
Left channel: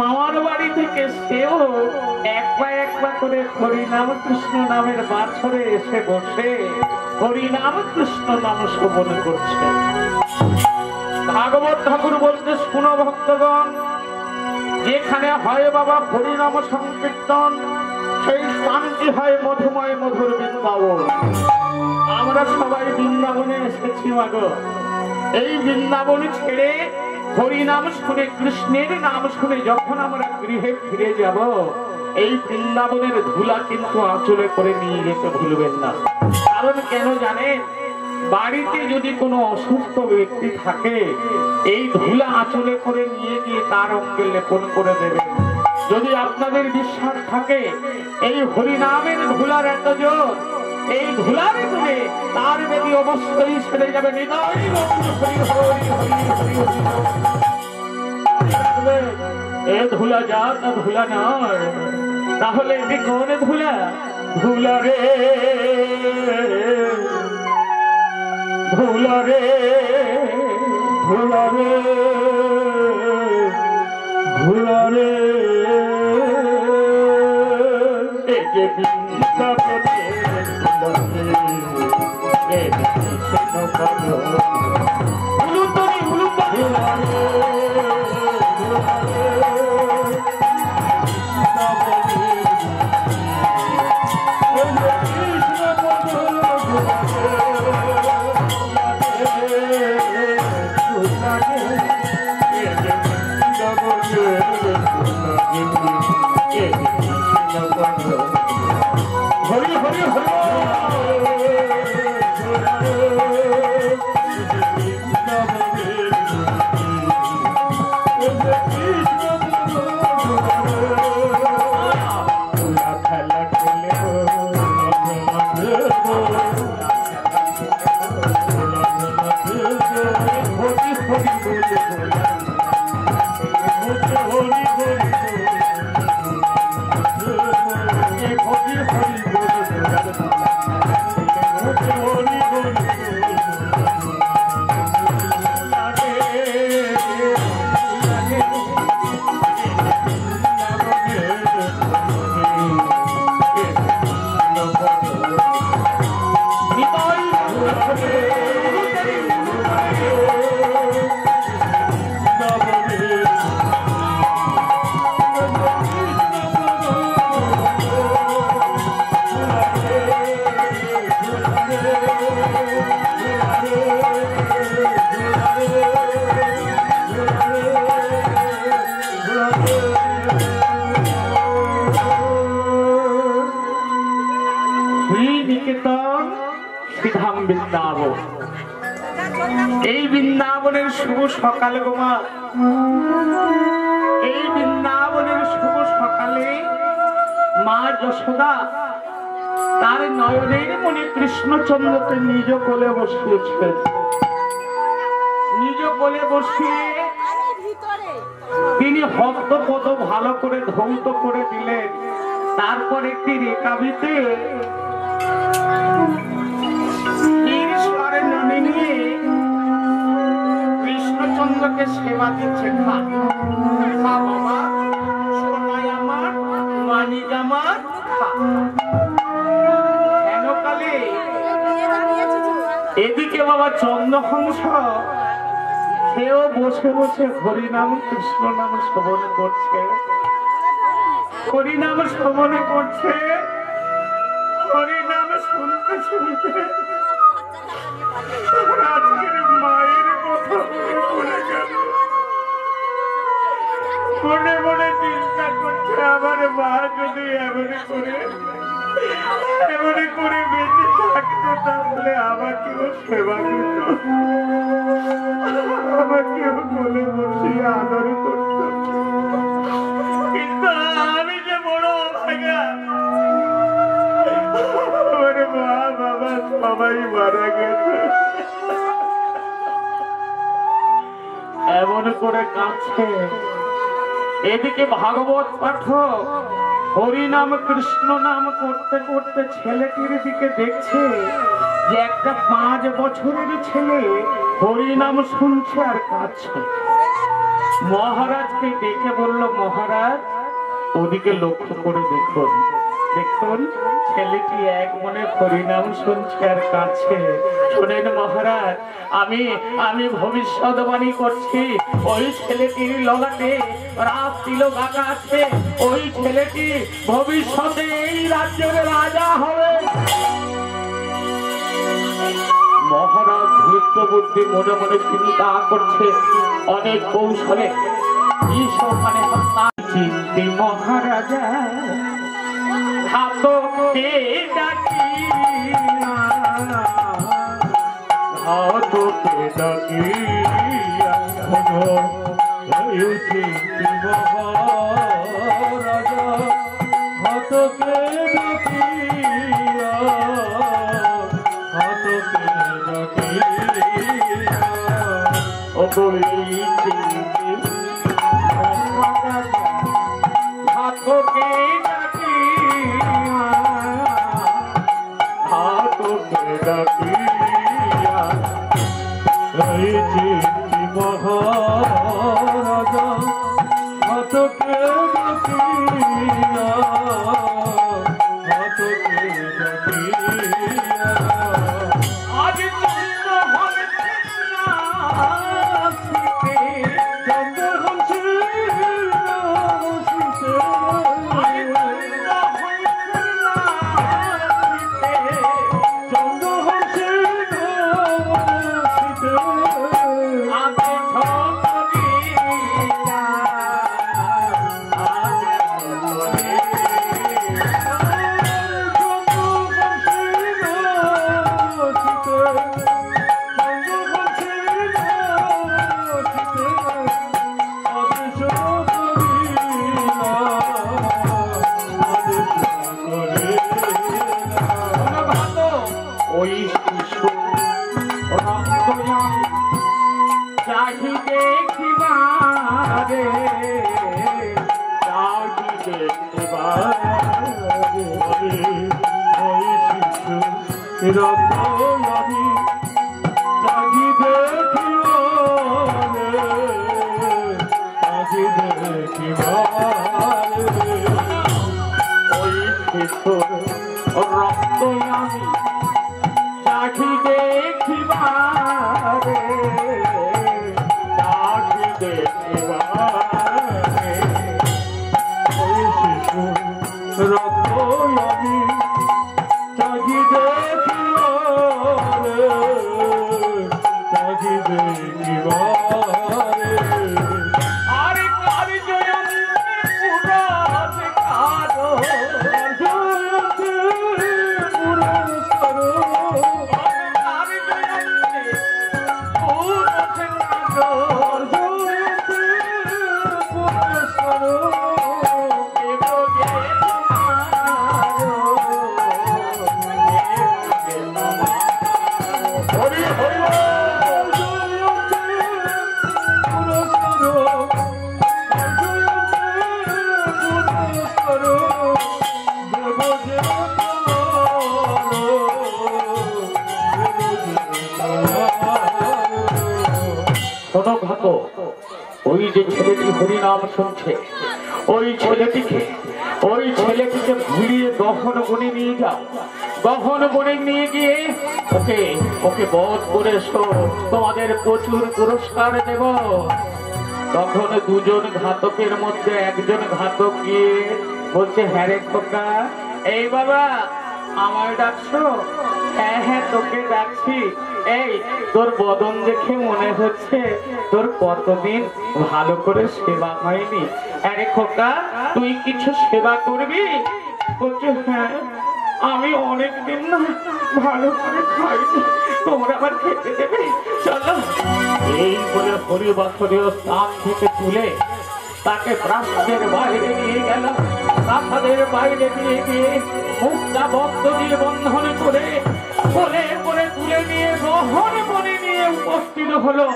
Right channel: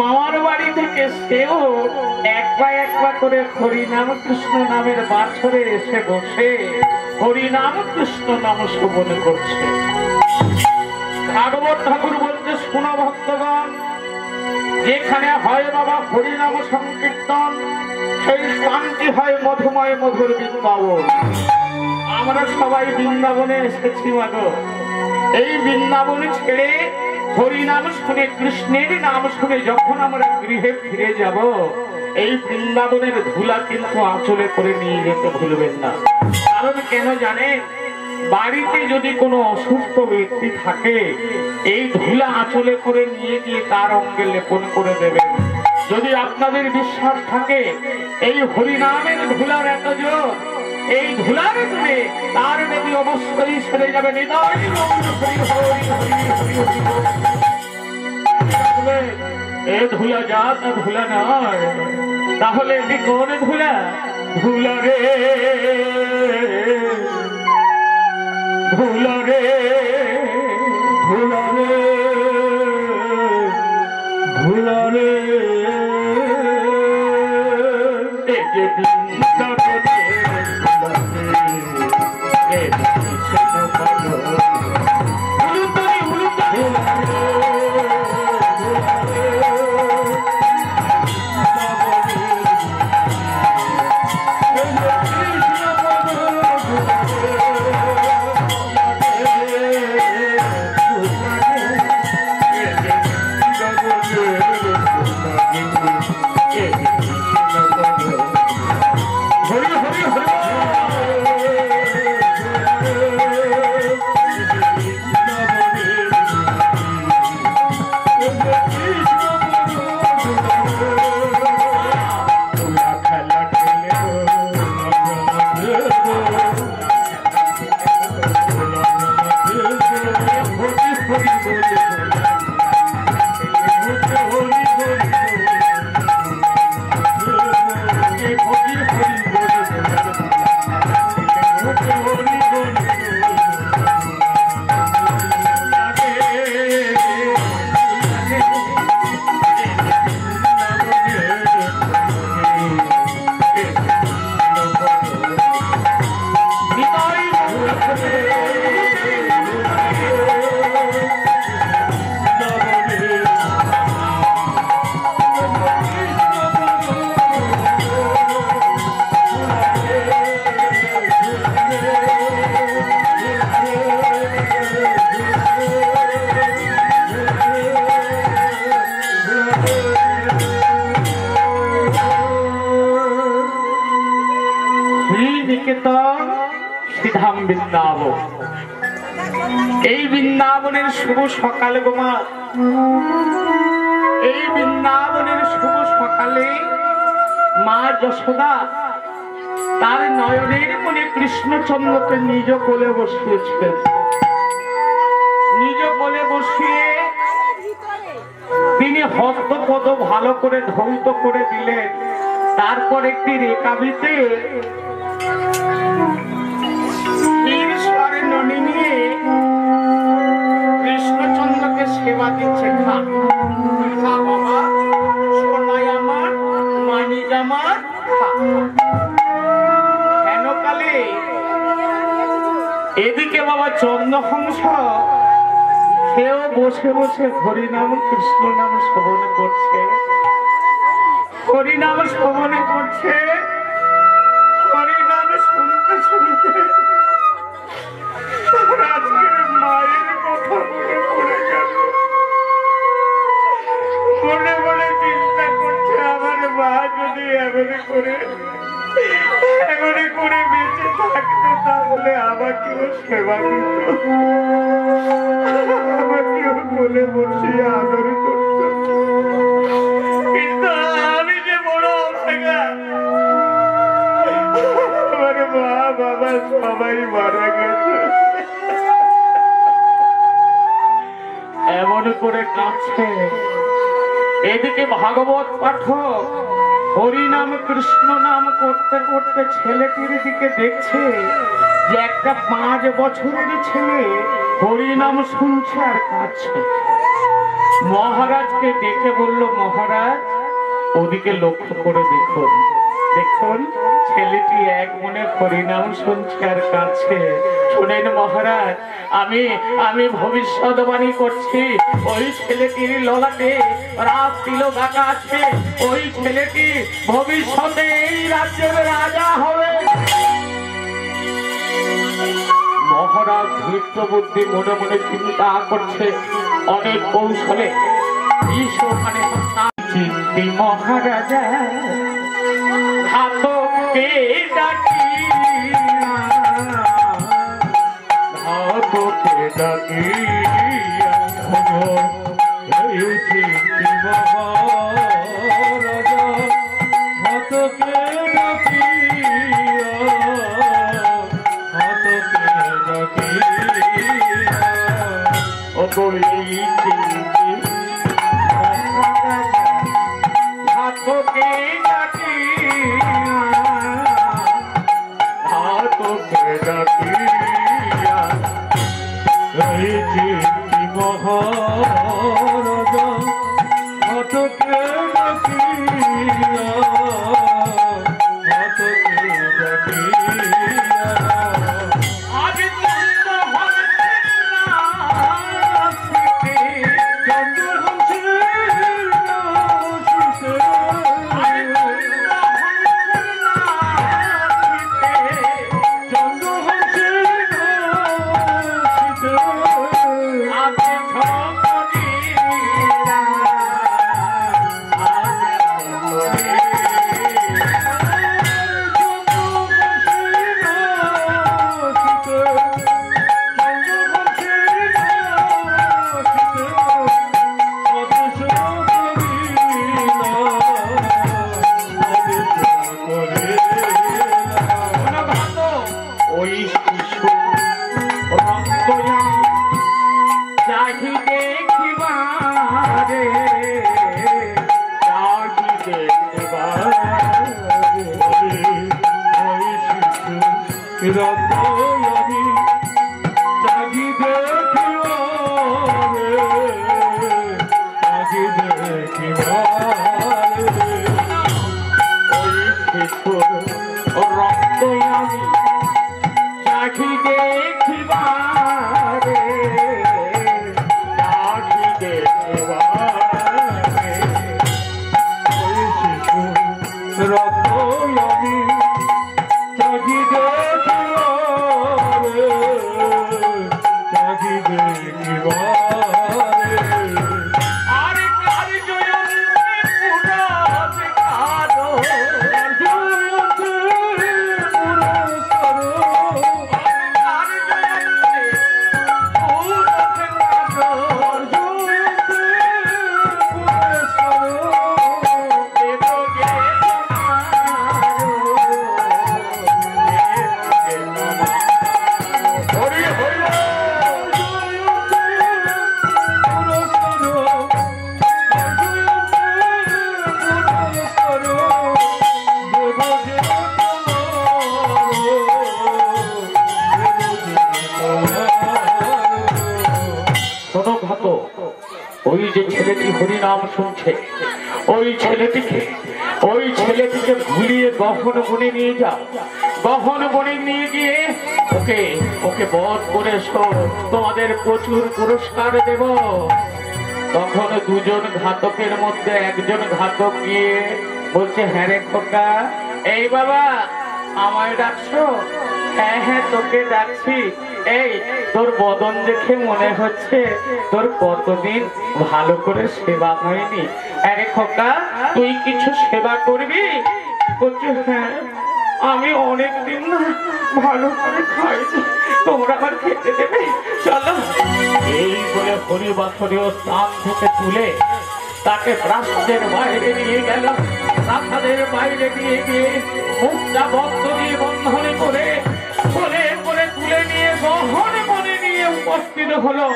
মামার বাড়ি থেকে সেও একবার করে হরিনাম কৃষ্ণ নামের বাছরে এসে বসে হরিনাম কৃষ্ণ নাম শ্রবণ করছে। ভাগবত ঠাকুর বলতে, শুনো ভক্তগণ, যেখানে হয় বাবা হরিনাম সংকীর্তন, সেই শান্তি হয় মধুময় মধুর বৃন্দাবন। আমরা সবাই বৃন্দাবনে এসেছি মাগো। এই বৃন্দাবন ছেড়ে হরিনাম শুনে, কৃষ্ণের নাম শুনে যখন আমরা গৃহে ফিরে যাব, এই বৃন্দাবনের ধুলা কিন্তু আঁচলে করে নিয়ে যেতে ভুলবেন না। কারণ কেন জানেন? বাড়িতে যদি কোনো অসুস্থ ব্যক্তি থাকে, এই ধুলা আঁচলে করে নিয়ে গিয়ে তার অঙ্গে লেপন করে দেবেন। যদি আপনাদের বিশ্বাস থাকে এই হরিনামের ধুলার এত জোর, এই ধুলার জুড়ে তার বেদি অবশ্যই ছেড়ে যাবে। এ ধুলা যা তা ধুলা নয়, তাহলে এটি কোন ধুলা? ধুলা রে, ধুলা রে, ধুলা রে, ধুলা রে। এই বৃন্দাবনের শুভ সকাল গোমা, এই বৃন্দাবনের শুভ সকালে মা যশোদা তার নয়নের মনে কৃষ্ণচন্দ্রকে নিজ কোলে বসিয়েছিলেন। নিজ কোলে বসিয়ে তিনি হস্তপদ ভালো করে ধৌত করে দিলেন। তারপর একটি রেখাবিতে কৃষ্ণচন্দ্রকে সেবা দিচ্ছে। খা খা বাবা, সোনাই আমার, মানিক আমার, খা। কেন কালে এদিকে বাবা চন্দ্রহংস সেও বসে বসে হরিনাম কৃষ্ণ নাম শ্রবণ করছে, হরিনাম শ্রবণ করছে। হরিনাম শুনতে শুনতে আজকের মায়ের কথা মনে পড়ে গেল। মনে মনে চিন্তা করছে, আমার মা যদি এমনি করে বেঁচে থাকতো, তাহলে আমাকেও সেবা দিত, আমাকেও কোলে বসিয়ে আদর করত। কিন্তু আমি যে বড় অভাগা, আমার মা বাবা সবাই মারা গেছে। এমন করে কাঁদছে। এদিকে ভাগবত পাঠক হরিনাম কৃষ্ণ নাম করতে করতে ছেলেটির দিকে দেখছে যে একটা 5 বছরের ছেলে হরিনাম শুনছে আর কাঁদছে। মহারাজকে ডেকে বলল, মহারাজ ওদিকে লক্ষ্য করে দেখুন, দেখুন ছেলেটি এক মনে হরিনাম শুনছে আর কাঁদছে। শুনেন মহারাজ, আমি ভবিষ্যৎবাণী করছি, ওই ছেলেটির ললাটে রাজ তিলক আঁকা আছে। ওই ছেলেটি ভবিষ্যতে এই রাজ্যের রাজা হবে। ধর্মরাজ ধৃষ্ট বুদ্ধি মনে মনে চিন্তা করছে অনেক কৌশলে ওখানে চিন্তি মহারাজা ঘাতককে ডাকিয়া ঘাতককে ডাকিয়া চিন্তি মহারাজা ঘাতকে ডাকিয়া ঘাতকে ডাকিয়া ও বলি চিন্তি ঘাতকে ডাকিয়া ঘাতকে ডাকিয়া চিন্তি মহারাজা ঘাতকে ডাকিয়া ঘাতকে ডাকিয়া আজ চন্দ্র হচ্ছে নাচিতে চন্দ্র হচ্ছে নাচিতে চন্দ্র হচ্ছে নাচিতে আপনি ছবিরা ওই শিশু রক্তয়াম চাহি দেখিবারে চাহি দেখিবারে আমি চাহি দেখিবারে ওই শিশু রক্তয়াম চাহি দেখিবারে চাহি দেখিবারে ওই শিশু রক্ত আমি চাহি দেখিবারে চাহি দেখিবারে আরে কারি জয়ন্তী পুরস কারো জয়ন্তী পুরস্কার কারি জয়ন্তী পুরস কারো জয়ন্তী পুরস্কার দেবগে তোমারো হরি হরি শোনো ঘাতক, ওই যে ছেলেটি হরিনাম শুনছে ওই ছেলেটিকে ভুলিয়ে গহন বনে নিয়ে যাও। গহন বনে নিয়ে গিয়ে ওকে বধ করে তোমাদের প্রচুর পুরস্কার দেব। তখন দুজন ঘাতকের মধ্যে একজন ঘাতক গিয়ে বলছে, হ্যাঁ রে খোকা, এই বাবা আমায় ডাকছো? হ্যাঁ হ্যাঁ তোকে ডাকছি। এই তোর বদন দেখে মনে হচ্ছে তোর কতদিন ভালো করে সেবা হয়নি। আরে খোকা, তুই কিছু সেবা করবি? বলছে, হ্যাঁ আমি অনেকদিন না ভালো করে খাইনি, তোমরা আবার খেতে দেবে, চলো। এই বলে হরিবাসরীয় স্থান থেকে তুলে তাকে প্রাসাদের বাইরে নিয়ে গেল। প্রাসাদের বাইরে নিয়ে গিয়ে মুখটা বদ্ধ দিয়ে বন্ধনে করে তুলে নিয়ে গহন বনে নিয়ে উপস্থিত হলো।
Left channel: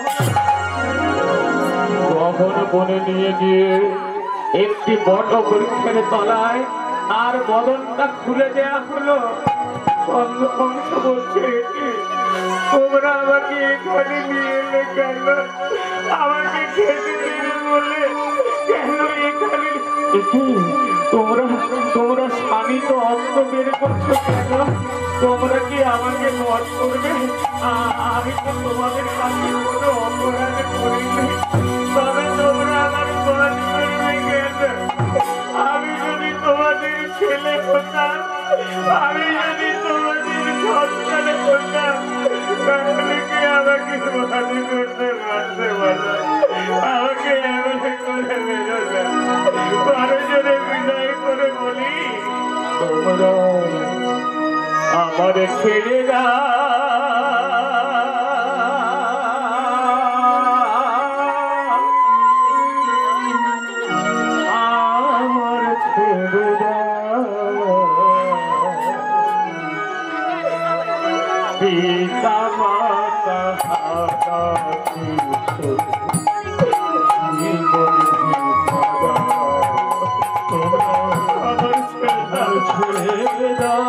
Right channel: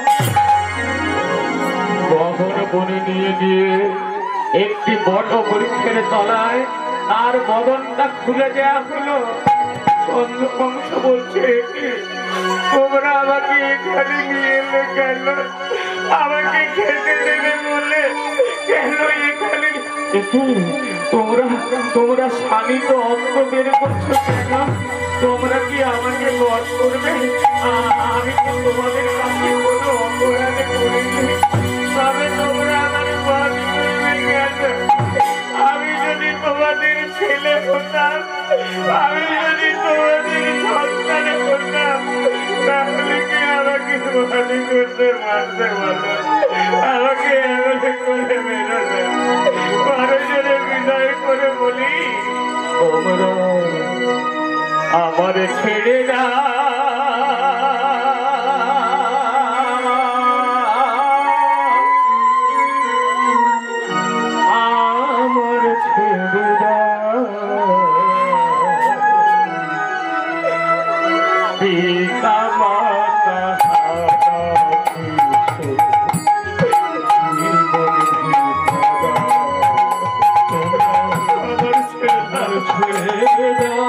গহন বনে নিয়ে গিয়ে একটি বট বৃক্ষের তলায় আর বদনটা খুলে দেয়া হলো। চন্দ্রবংশ বলছে, তোমরা আমাকে এখানে নিয়ে এলে কেন? আমাকে খেতে দেবে বলে কেন এখানে? তোমরা স্বামী তো অস্ত্র বের করছো কেন? তোমরা কি আমাকে বধ করবে? আমি তো তোমাদের কাছে কোনো অপরাধ করিনি, তবে তোমরা আমাকে বধ করবে কেন? আমি যদি তোমাদের ছেলে হতাম, আমি যদি তোমাদের সন্তান হতাম, তাহলে আমাকে ভালো করতে পারতে বলো, আমাকে এমন করে মেরো না। পরে জোরে বিদায় করে বলি, তোমরা আমার ছেড়ে না। আমার ছেড়ে দাও, পিতা মাতা হারা কিছু আমার ছেড়ে দাও।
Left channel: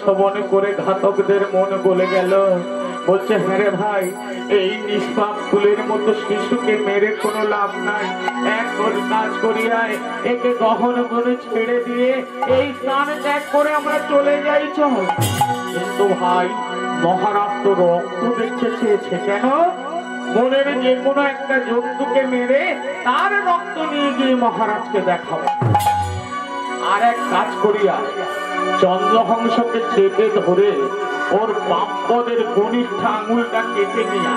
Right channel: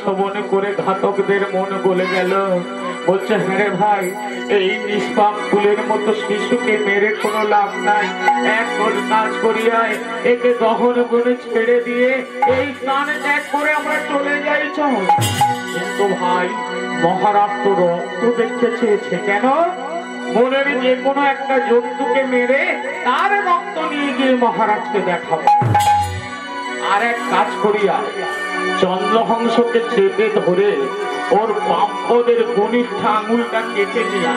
শ্রবণ করে ঘাতকদের মন গলে গেল। বলছে, হ্যাঁ রে ভাই, এই নিষ্পাপ ফুলের মতো শিশুকে মেরে কোনো লাভ নাই। এক কাজ করিয়ায় একে দহন করে ছেড়ে দিয়ে এই প্রাণ ত্যাগ করে আমরা চলে যাই। কিন্তু ভাই, মহারাজ তো রক্ত দেখতে চেয়েছে। কেন? মনের যে কোনো একটা জন্তুকে মেরে তার রক্ত নিয়ে গিয়ে মহারাজকে দেখাবো। আর এক কাজ করিয়া চন্দ্রহংসকে চেপে ধরে ওর বামপদের কনিষ্ঠ আঙুলটা কেটে নিয়ে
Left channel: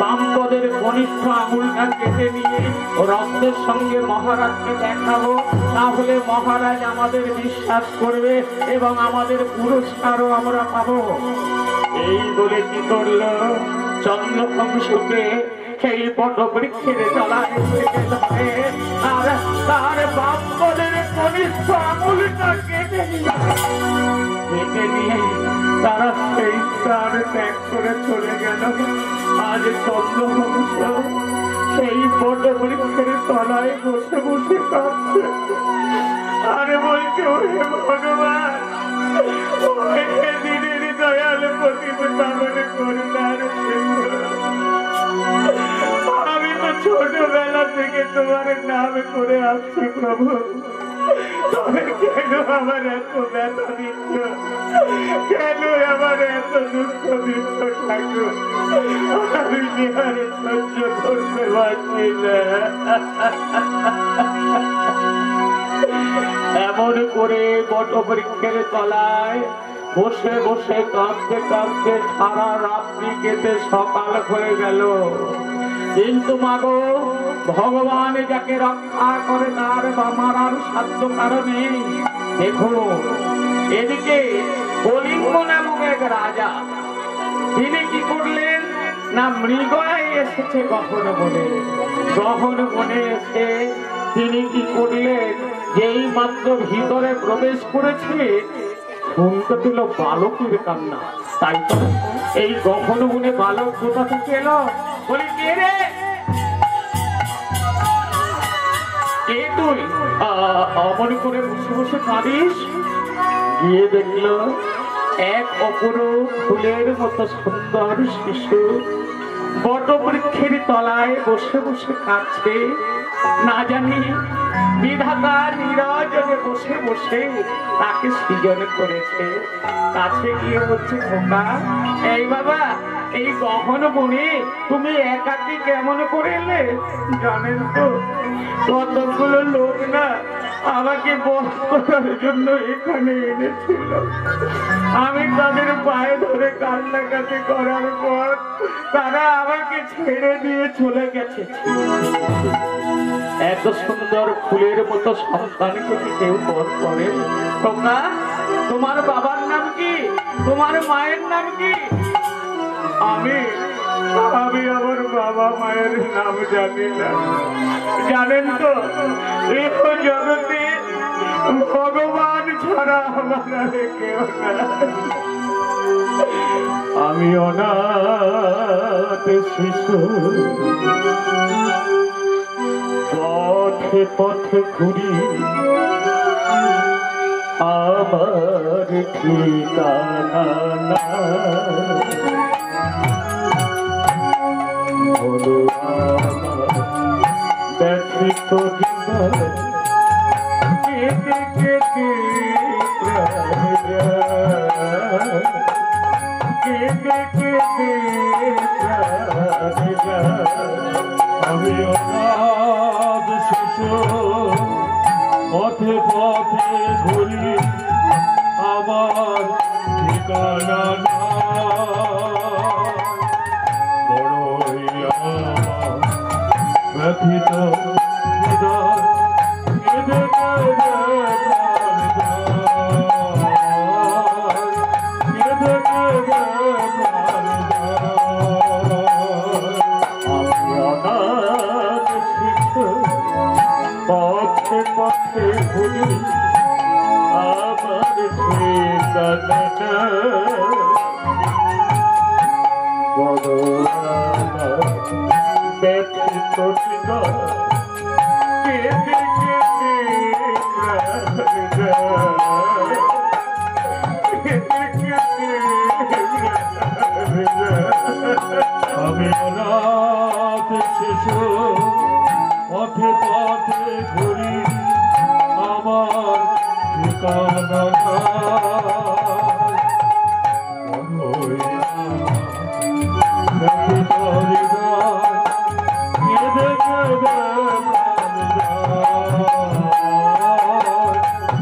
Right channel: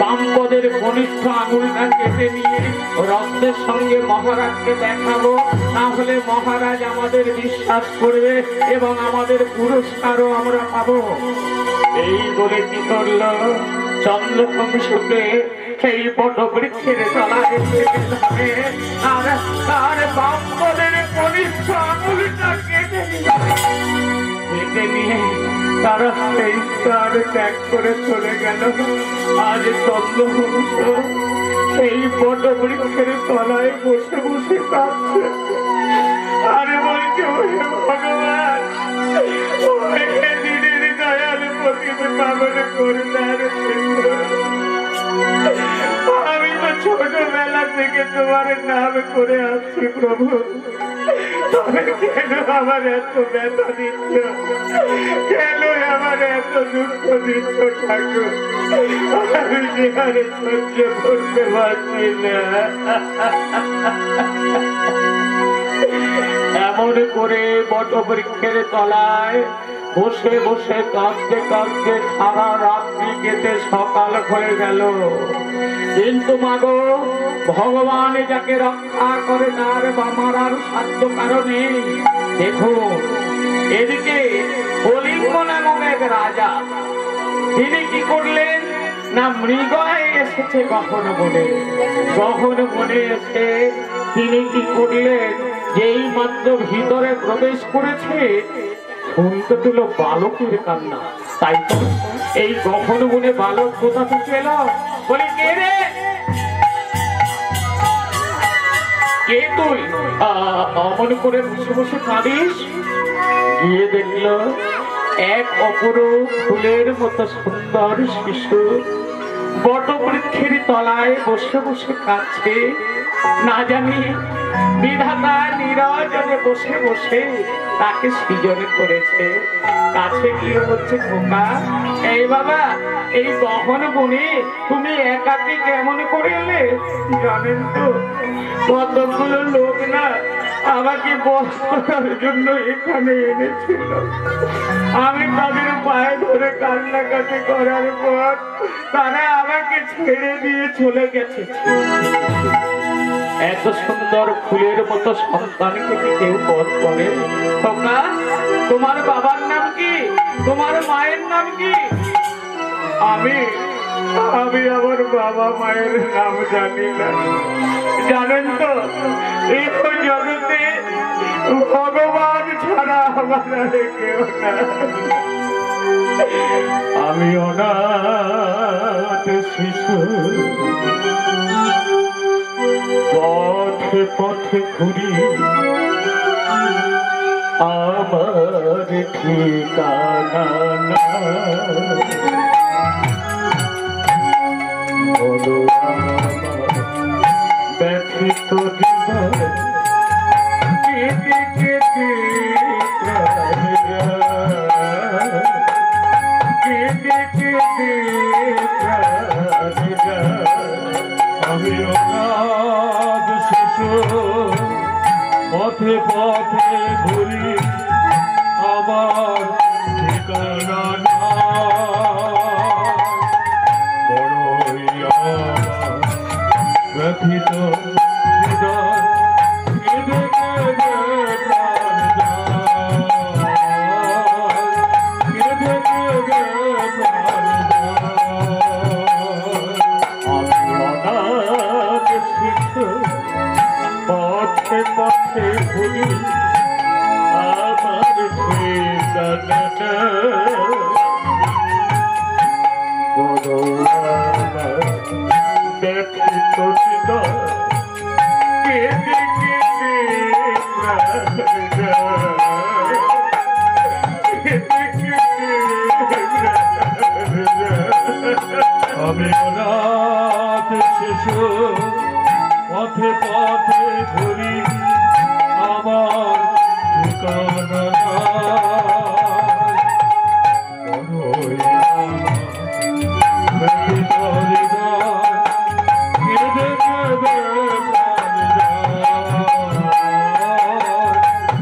বামপদের কনিষ্ঠ আঙুলটা কেটে নিয়ে রক্তের সঙ্গে মহারাজকে দেখাবো। তাহলে মহারাজ আমাদের বিশ্বাস করবে এবং আমাদের পুরস্কারও আমরা পাবো। এই বলে কি করল? চন্দ্রহংসকে সেই বটবৃক্ষের তলায় আর তার বামপদের কনিষ্ঠ আঙুলটা কেটে নিয়ে তারা সেই প্রাণ ত্যাগ করে চলে গেল। আজ চন্দ্রহংস সেই বটবৃক্ষের তলায় বসে বসে কাঁদছে। আরে বলছে, ভগবান, দিনের দয়াল পতিত পাবন করুণার সিন্ধু, আমি তো ছোটবেলা থেকে তোমার নাম করে আসছি প্রভু। তবে কেন আমার এত ব্যথা দিচ্ছ, কেন আমার এত দুঃখ দিচ্ছ ঠাকুর? আমি যে আর সহ্য করতে পারছি না। এমন করে বটবৃক্ষের তলায় বসে বসে কাঁদতে কাঁদতে সারা রাত্রি কেটে সকাল হয়ে গেল। কিন্তু মাগো, ভগবান যাকে রক্ষা করে তার বা মারার সাধ্য কারণে। দেখুন, এদিকে কলিঙ্গ নামক এক রাজা, তিনি কি করলেন না, মৃগয় এসেছে গহন বনে। গহন বনে এসে তিনি কি করলেন, যেই মাত্র ভিতরে প্রবেশ করেছে শুনতে পেল বালকের কান্না। তাই তো এই গহন বনে বালক কোথা থেকে এলো? বলি, কে রে, কে তুই? অমন করে বসে বসে কাঁদিস? গিয়ে দেখলো এক অপরূপ ফুলের মতো সুন্দর শিশু বটবৃক্ষের তলায় বসে বসে কাঁদছে। না জানি বিধাতা নিরজনে বসে বসে তাকে সৃজন করেছে। কাছে গিয়ে বলছে, খোকা, এই বাবা, এই গহন বনে তুমি একাকি কেমন করে এলে? জানেন তো, কতগুলো লোক না আমাকে বস করার জন্য এখানে এনেছিল। আমি তাদের পায়ে ধরে কান্নাকাটি করার পর তারা আমাকে ছেড়ে দিয়ে চলে গেছে। এত সুন্দর ফুলের মতো সন্তানকে কি কেউ বধ করে? তোমরা, তোমার বাবার নাম কি? তোমার মায়ের নাম কি? আমি আমার বাবা মায়ের নাম জানি না। জানেন তো, এই জগতে ভগবান ছাড়া আমার আর কেউ না। আমি অনাথ শিশু, পথে পথে ঘুরি, আমার ঠিকানা না। বলো আমার ব্যথিত জীবন, কেটে কেটে কেটে কেটে আমি অনাথ শিশু, পথে পথে ঘুরি, আমার ঠিকানা না। বড়ই আমার ব্যথিত হৃদয়, কেঁদে কেঁদে প্রাণ যায়, কেঁদে কেঁদে প্রাণ যায়। আমি অনাথ শিশু, পথে পথে ঘুরি, আমার ঠিকানা না। বড় আমার ব্যথিত হৃদয়, কেঁদে কেঁদে প্রাণ যায়, কেঁদে কেঁদে প্রাণ যায়। আমি অনাথ শিশু, পথে পথে ঘুরি, আমার ঠিকানা নাই। বড়ই ব্যথিত হৃদয়, কেঁদে কেঁদে প্রাণ যায়,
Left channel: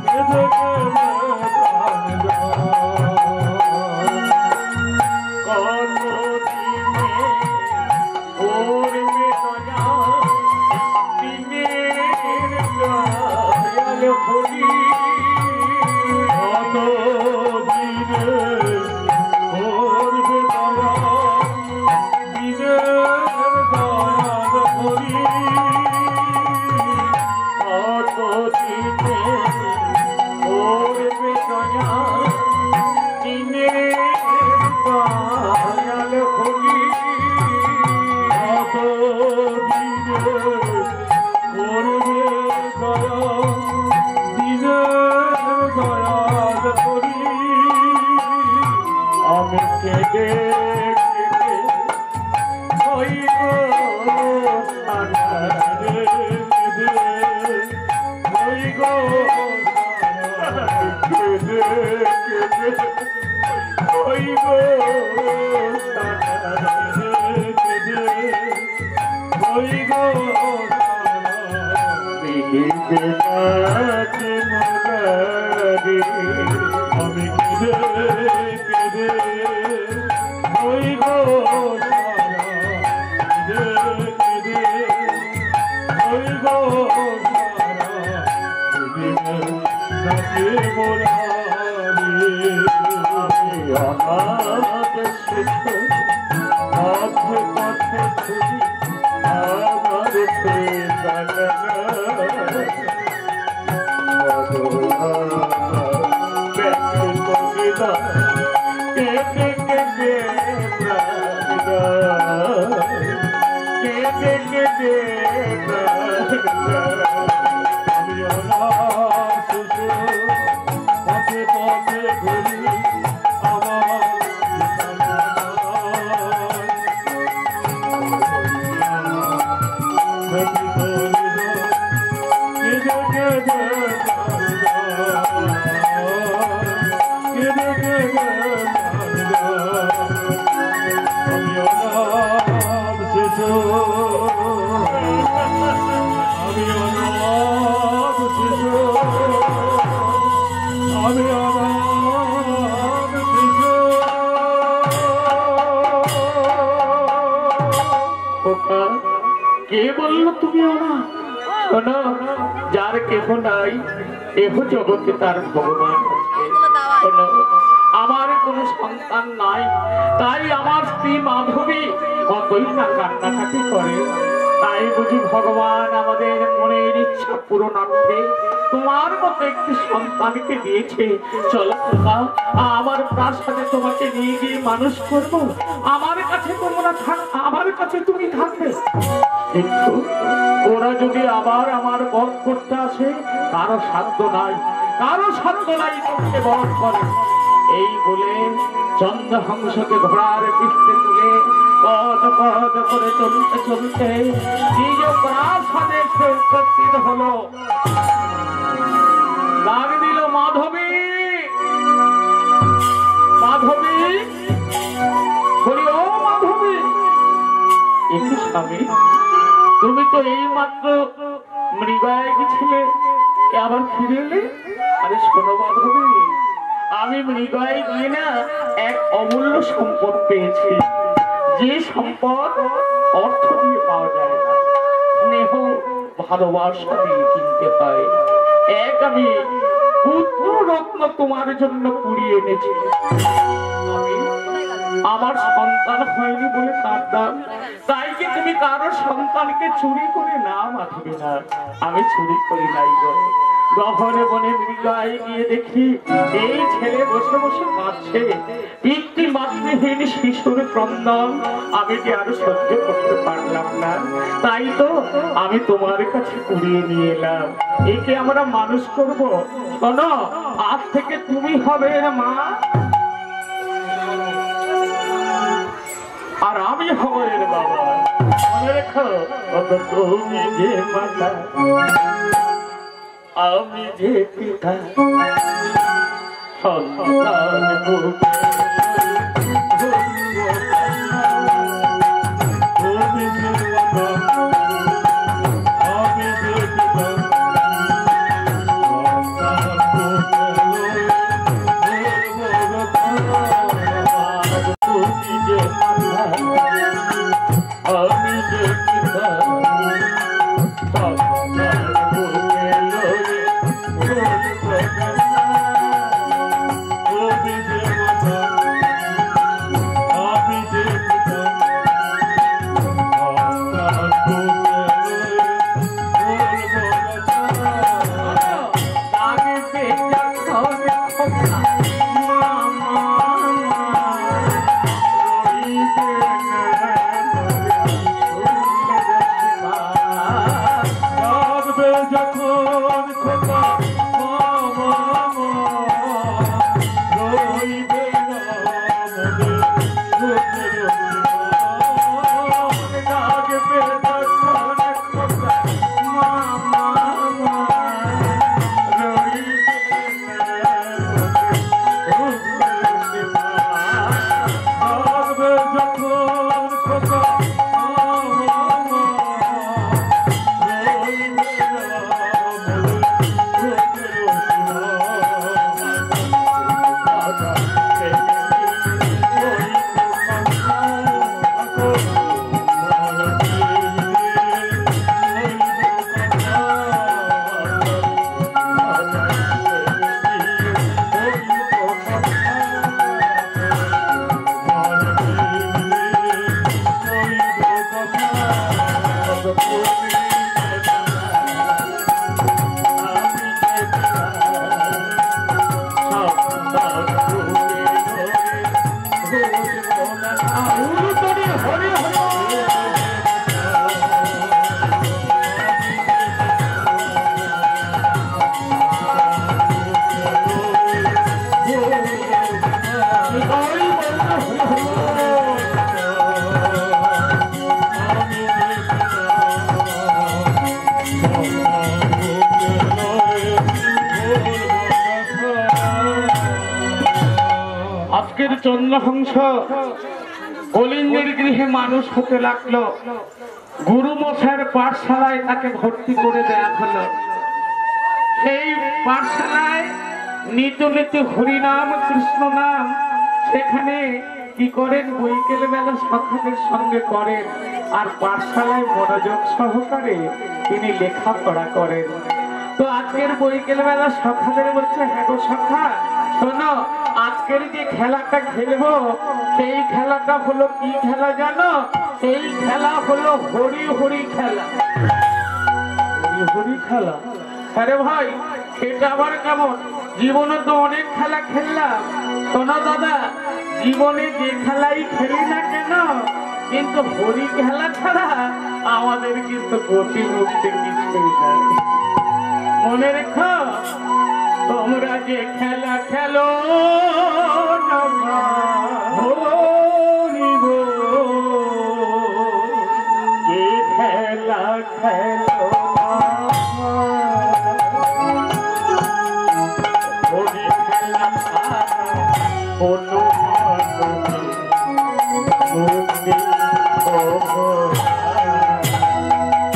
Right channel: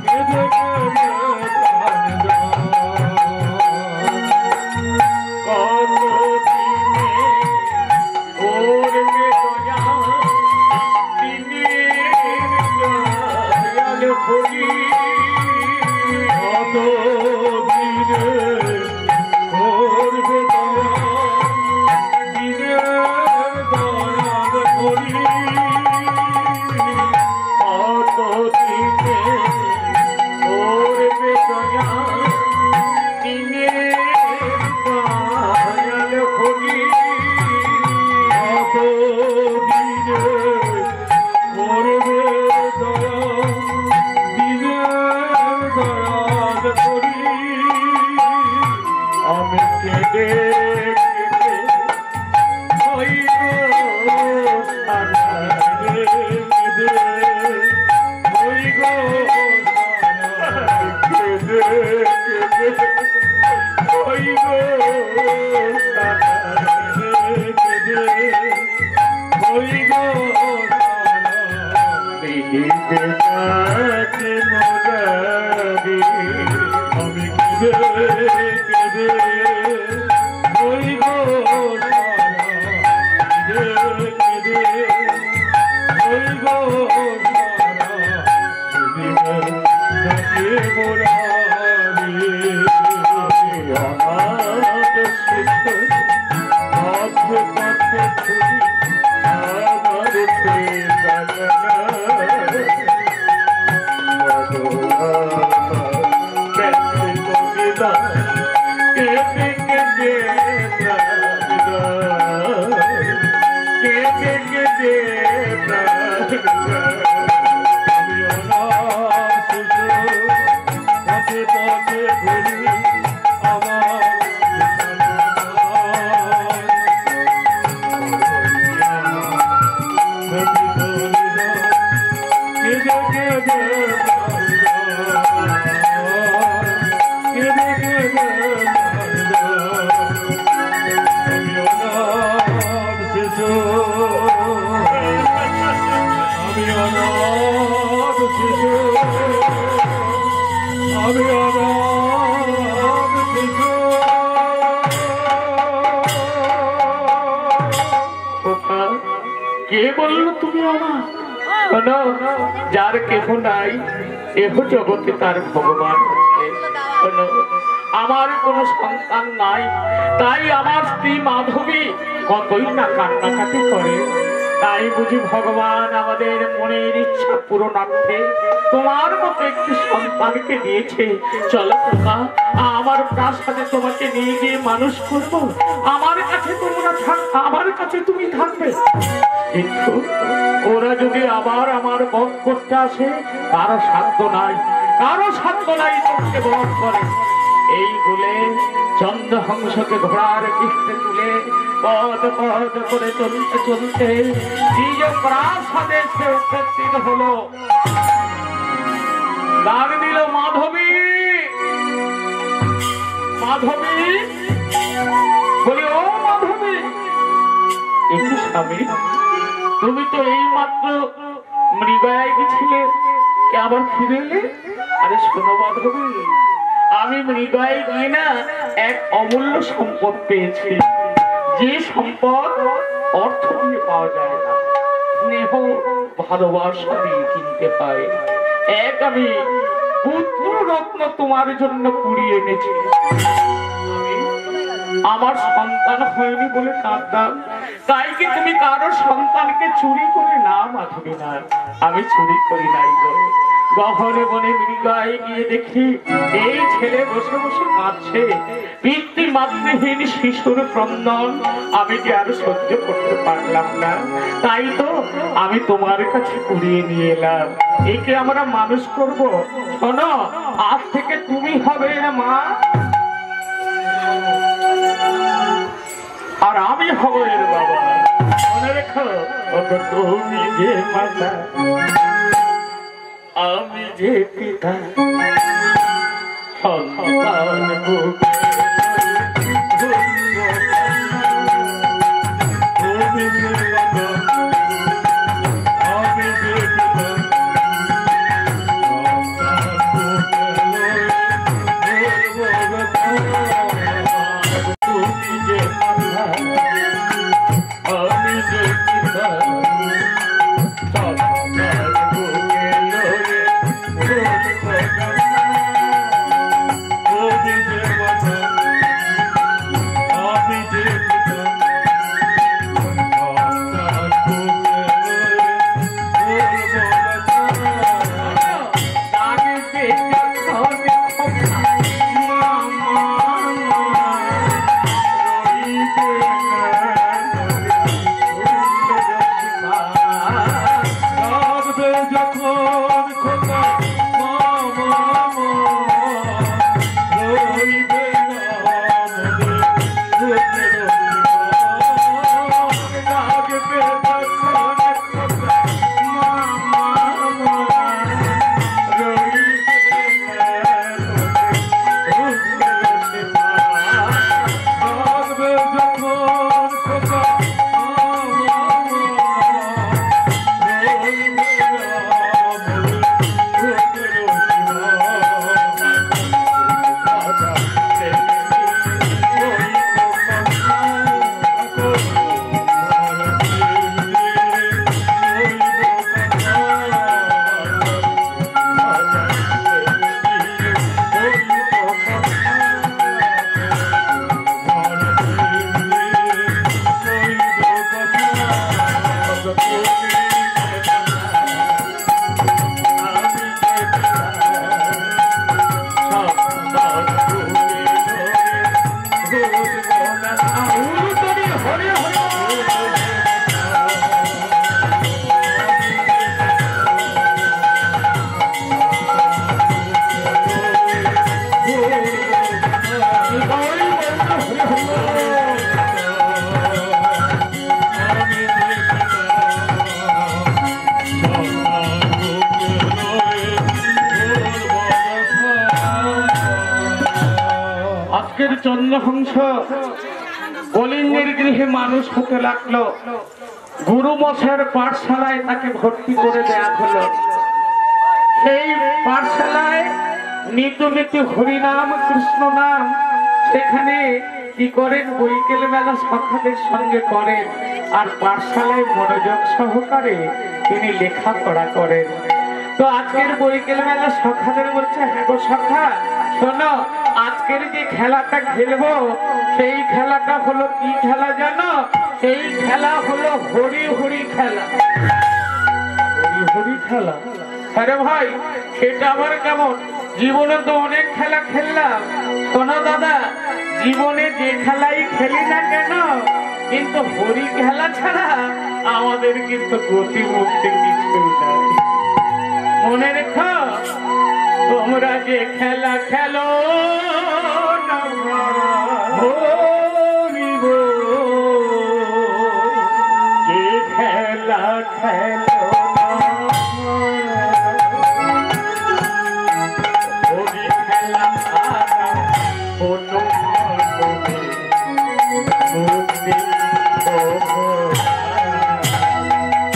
কেঁদে কেঁদে প্রাণ যায়। কতদিনে করবে দয়া, দিনের দয়াল হরি। কতদিনে করবে দয়া, দিনের দয়াল হরি। কতদিনে করবে দয়া, দিনের দয়াল হরি। কতদিনে করবে দয়া, দিনের দয়াল হরি। আমি কেঁদে কেঁদে হইব আধারে, কেঁদে হইব ওই গো দেখিতে পাচ্ছি মুরারি আমি কেঁদে কেঁদে ওই গো কেঁদে কেঁদে ওই গো নাকি মুরারি আমার পথে পথে ছুটি আমার পথে পথে ঘুরি আমার কে বললো তুমি আমার শোনো, যার কেহ নাই এহ জগতে তার ভগবান আছে। শোনো, আমার কোনো সন্তান নাই, তাই আমার স্ত্রী মাধবী কতই না কান্নাকাটি করে। তাই বুঝি ভগবান আমাদের মনের ইচ্ছা পূরণার্থে তোমার মতো একটি সন্তানকে দিয়েছে। চলো তোমরা, আমার প্রাসাদে তোমাকে নিয়ে গিয়ে মানুষ করব। আমার কাছে তোমরা থাকবে, আমার কাছে তুমি থাকবে। কিন্তু ওরা যদি আবার আমার বধ করতে আসে, কারো সাধ্য নাই, কারো সাধ্য নাই তোমাকে বধ করে। এই বলে চন্দ্রহংসকে ঘোড়ার পিঠে তুলে পদ পদ করে চলতে চলতে নিজ প্রাসাদে সে উপস্থিত হলো। ডাক দিল, মাধবী, মাধবী। বলি, ও মাধবী। একটু স্বামী, তুমি তো এই মাত্র মৃগয়ায় গেছিলে, আবার ফিরে এলে? আরে শোনো মাধবী, আমি মৃগয়ায় গিয়ে না এক অমূল্য সম্পদ পেয়েছি। যে সম্পদ অর্থ দিয়ে পাওয়া যায় না, স্নেহ ভালোবাসা দিয়ে কিনতে হয়। এক আমি পুত্র রত্ন তোমার জন্য কুড়িয়ে এনেছি। আমার সন্তান হয়নি বলে কাঁদতাম, তাই কি তুমি কারো সন্তানকে চুরি করে? না মাধবী, না, আমি চুরি করি নাই গো। গহনে বনে মৃগয়ায় গিয়ে দেখি এই ছেলে বসে বসে কাঁদছে। পিতৃ মাতৃহীন শিশুর ক্রন্দন আমি কি আর সহ্য করতে পারলাম না, তাই তো আমি তোমার কাছে কুড়িয়ে নিয়ে এলাম। একে আমরা মানুষ করব। শোনো, আজ থেকে তুমি হবে মা, আর আমি হব এর বাবা। মনে রেখো, তুমি যে মাতা, আমি যে পিতা, সন্তান আজকের চন্দ্রহংস কলিঙ্গের গৃহে মানুষ হতে লাগলো। গুরু মশাইয়ের পাঠশালায় তাকে ভর্তি করে দেয়া হলো। সেই পাঠশালায় নিত্য নিত্য হরিনাম কৃষ্ণ নাম সেখানে কি করেন, বৈকেল বেলা সখাদের সঙ্গে করেন, আর পাঠশালায় মনোযোগ সহকারে তিনি লেখাপড়া করেন। তো আজকের বৈকেল বেলা সখাদের বলছে, হ্যাঁ গো সখা শোনো, আজকের যে খেলাটা খেলবো সেই খেলাটা হলো কি খেলা জানো? সেই খেলা হলো হরি হরি খেলা। হরি হরি খেলা? আরে ভাই সেটা আবার কেমন? জীবনে তো অনেক খেলা খেললাম। শোনো দাদা, জীবনে যে খেলাই খেলি না কেন, কিন্তু হরি খেলা ছাড়া আমাদের কিন্তু গতি মুক্তি কিছুই নাই। মনে রেখো, তোমরা যে খেলা খেলো না হরি গো, যে খেলা খেলো হরি খেলা কোনো মুক্তি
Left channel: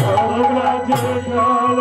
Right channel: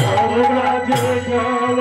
তোমরা যে খেলা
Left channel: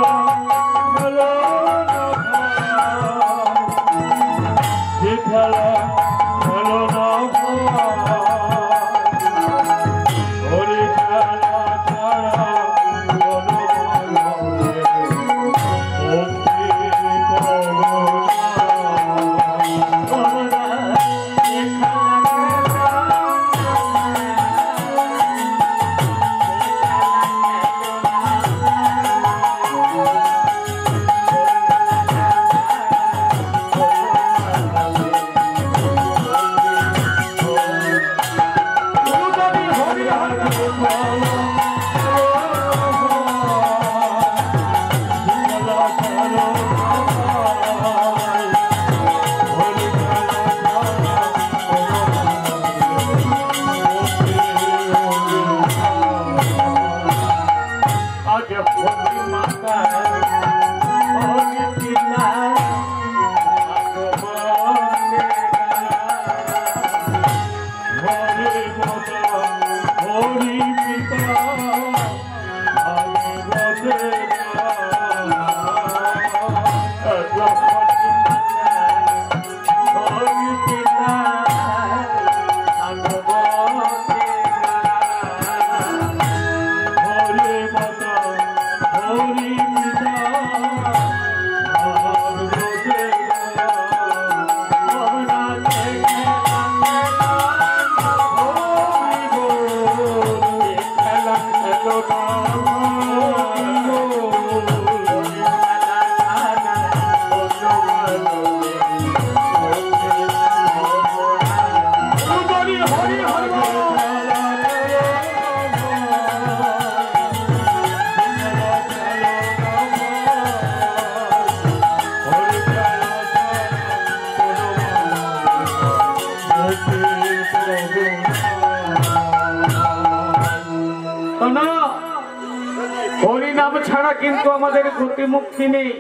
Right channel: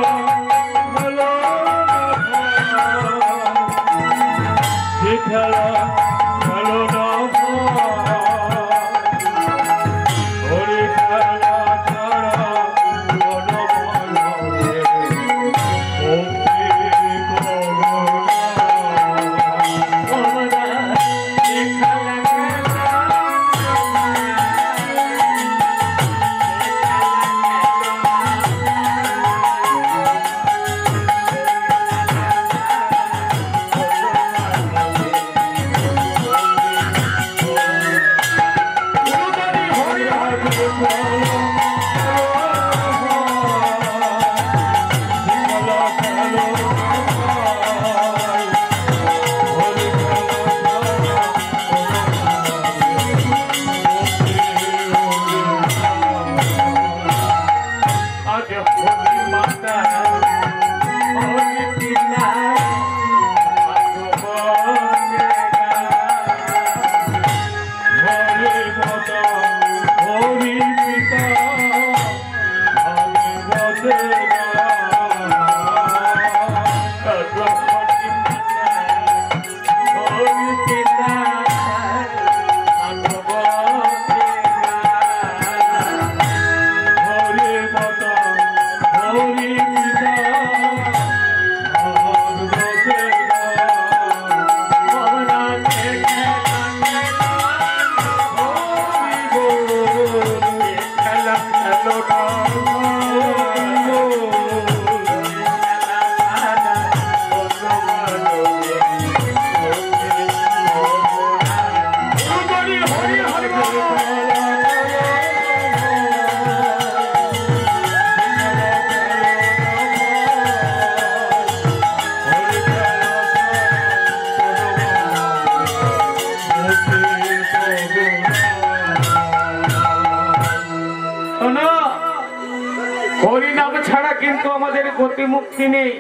হরিনাম ছাড়া কিন্তু আমাদের গতি মুক্তি নেই।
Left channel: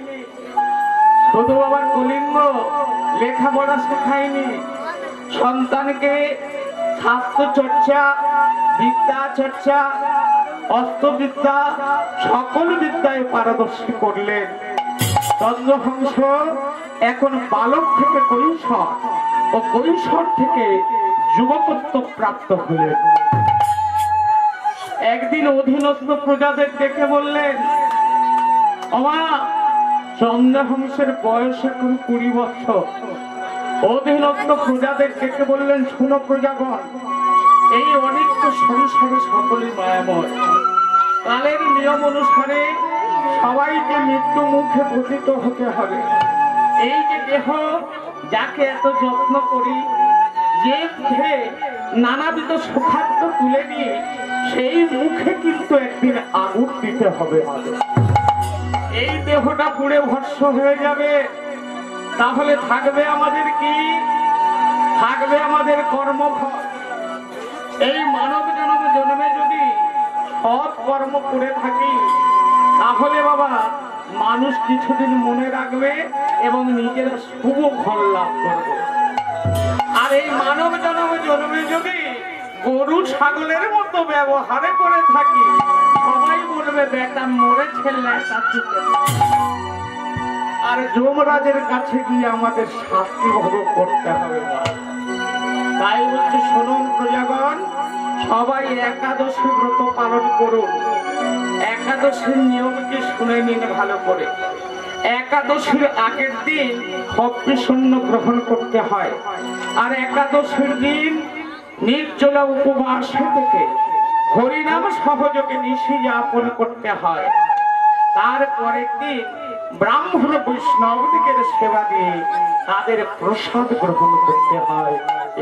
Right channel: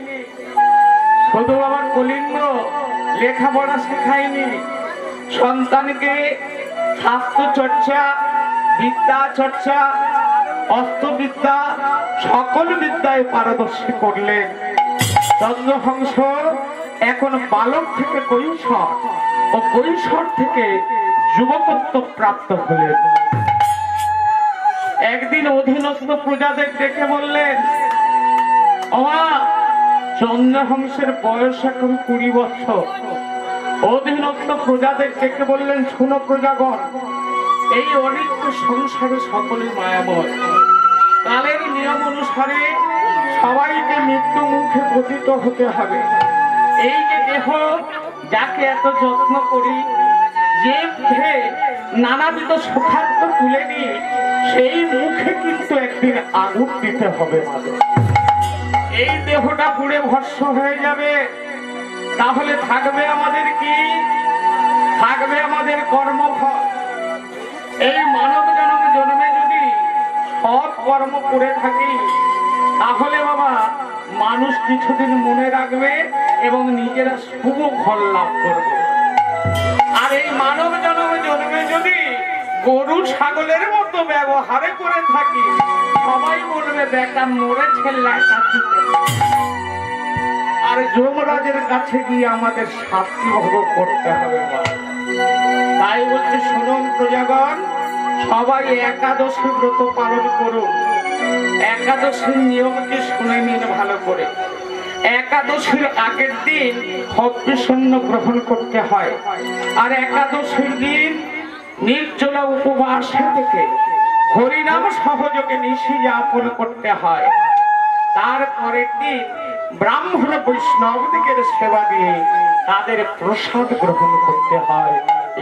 শুধু আবার কলিঙ্গ লেখাপড়া শেখায়নি, সন্তানকে শাস্ত্র চর্চা, বিদ্যা চর্চা, অস্ত্রবিদ্যা সকল বিদ্যায় পারদর্শী করলেন। চন্দ্রহংস এখন বালক থেকে কৈশোর ও কৈশোর থেকে যুবকত্ব প্রাপ্ত হলেন। একদিন অধীনস্থ প্রজাদের ডেকে বললেন, ওমা চন্দ্রহংসের বয়স এখন 20 বছর। অধীনস্থ প্রজাদের ডেকে বললেন, শুনো প্রজাগণ, এই অনিত্য সংসারে সকল মায়াময়, কালের নিয়ম অনুসারে সবাইকে মৃত্যু মুখে পতিত হতে হবে। এই যে দেহ, যাকে এত যত্ন করি, যে মুখে নানাবিধ সুখাদ্য তুলে নিয়ে সেই মুখে কিন্তু একদিন আগুন দিতে হবে। এই দেহটা পুড়ে ভস্ম হয়ে যাবে, তাহলে থাকবে আমাদের কি? থাকবে আমাদের কর্মফল। এই মানব জন্মে যদি সৎ কর্ম করে থাকি, তাহলে বাবা মানুষ কিছুদিন মনে রাখবে এবং নিজেরা শুভ ফল লাভ করবে। আর এই মানব জন্মে যদি গরু ছাগলের মতো ব্যবহারে করে থাকি, সবাই বলবে বেটা মরে ছেলে। আর যমরাজের কাছে গিয়ে আমাদের শাস্তি ভোগ করতে হবে। তাই বলছে, শুনুন প্রজাগণ, সবাই একাদশী ব্রত পালন করুন। একাদশীর নিয়মকে শুনে নিন ভালো করে। একাদশীর আগের দিন ভক্তি-শূন্য গ্রহণ করতে হয়, আর একাদশীর দিন নির্জলা উপবাসে থেকে হরিনাম সহযোগে নিশি যাপন করতে হয়। তারপরের দিন ব্রাহ্মণ বৈষ্ণবদিগের সেবা দিয়ে তাদের প্রসাদ গ্রহণ করতে হয়।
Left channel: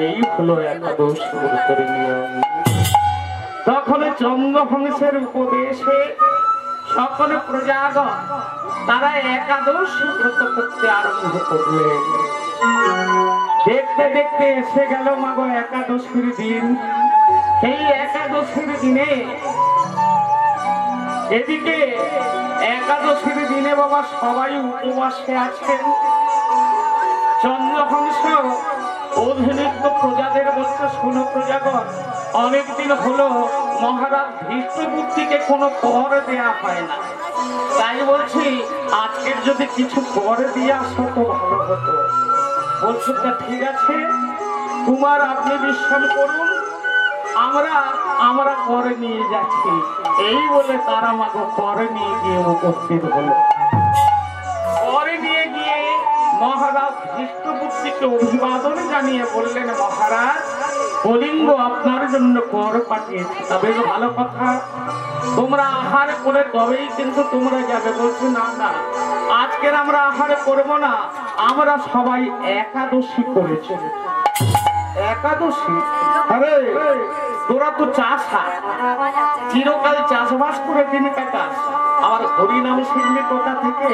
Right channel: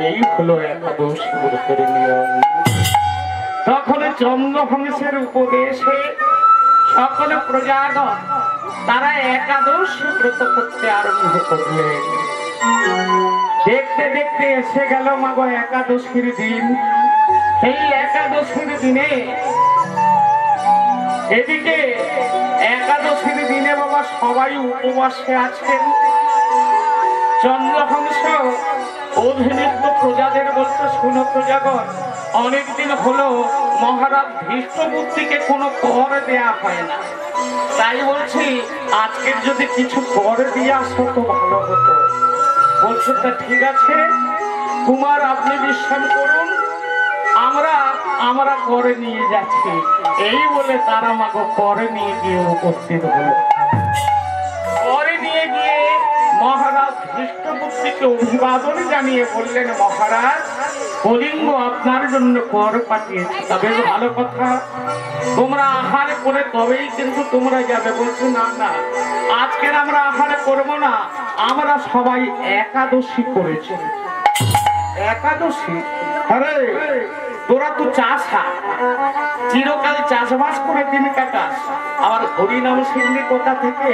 এই হলো একাদশী ব্রতের নিয়ম। তখন চন্দ্রবংশের উপদেশে সকল প্রজাগণ তারা একাদশী ব্রত করতে আরম্ভ করলেন। দেখতে দেখতে এসে গেল মাগো একাদশীর দিন। সেই একাদশীর দিনে এদিকে একাদশীর দিনে বাবা সবাই উপবাসে আছেন। চন্দ্রবংশ অধীনস্থ প্রজাদের বলতে, শুনো প্রজাগণ, অনেকদিন হলো মহারাজ ধৃষ্টবুদ্ধিকে কোনো কর দেয়া হয় না। তাই বলছি আজকের যদি কিছু কর দিয়ে আসো তো ভালো হতো। বলছে তা ঠিক আছে, কুমার আপনি বিশ্রাম করুন, আমরা করে নিয়ে যাচ্ছি। এই বলে তারা মাগো করে নিয়ে গিয়ে উপস্থিত হলো। করে নিয়ে গিয়ে মহারাজ ধৃষ্টবুদ্ধিকে অভিবাদন জানিয়ে বললেন, মহারাজ কলিঙ্গ আপনার জন্য কর পাঠিয়েছে। তবে ভালো কথা, তোমরা আহার করে তবেই কিন্তু তোমরা যাবে। বলছো না না, আজকের আমরা আহার করবো না, আমরা সবাই একাদশী করেছি। একাদশী? আরে তোরা তো চাষা, চিরকাল চাষবাস করে দিন কাটাস, আবার হরিনাম শিখলি কোথা থেকে?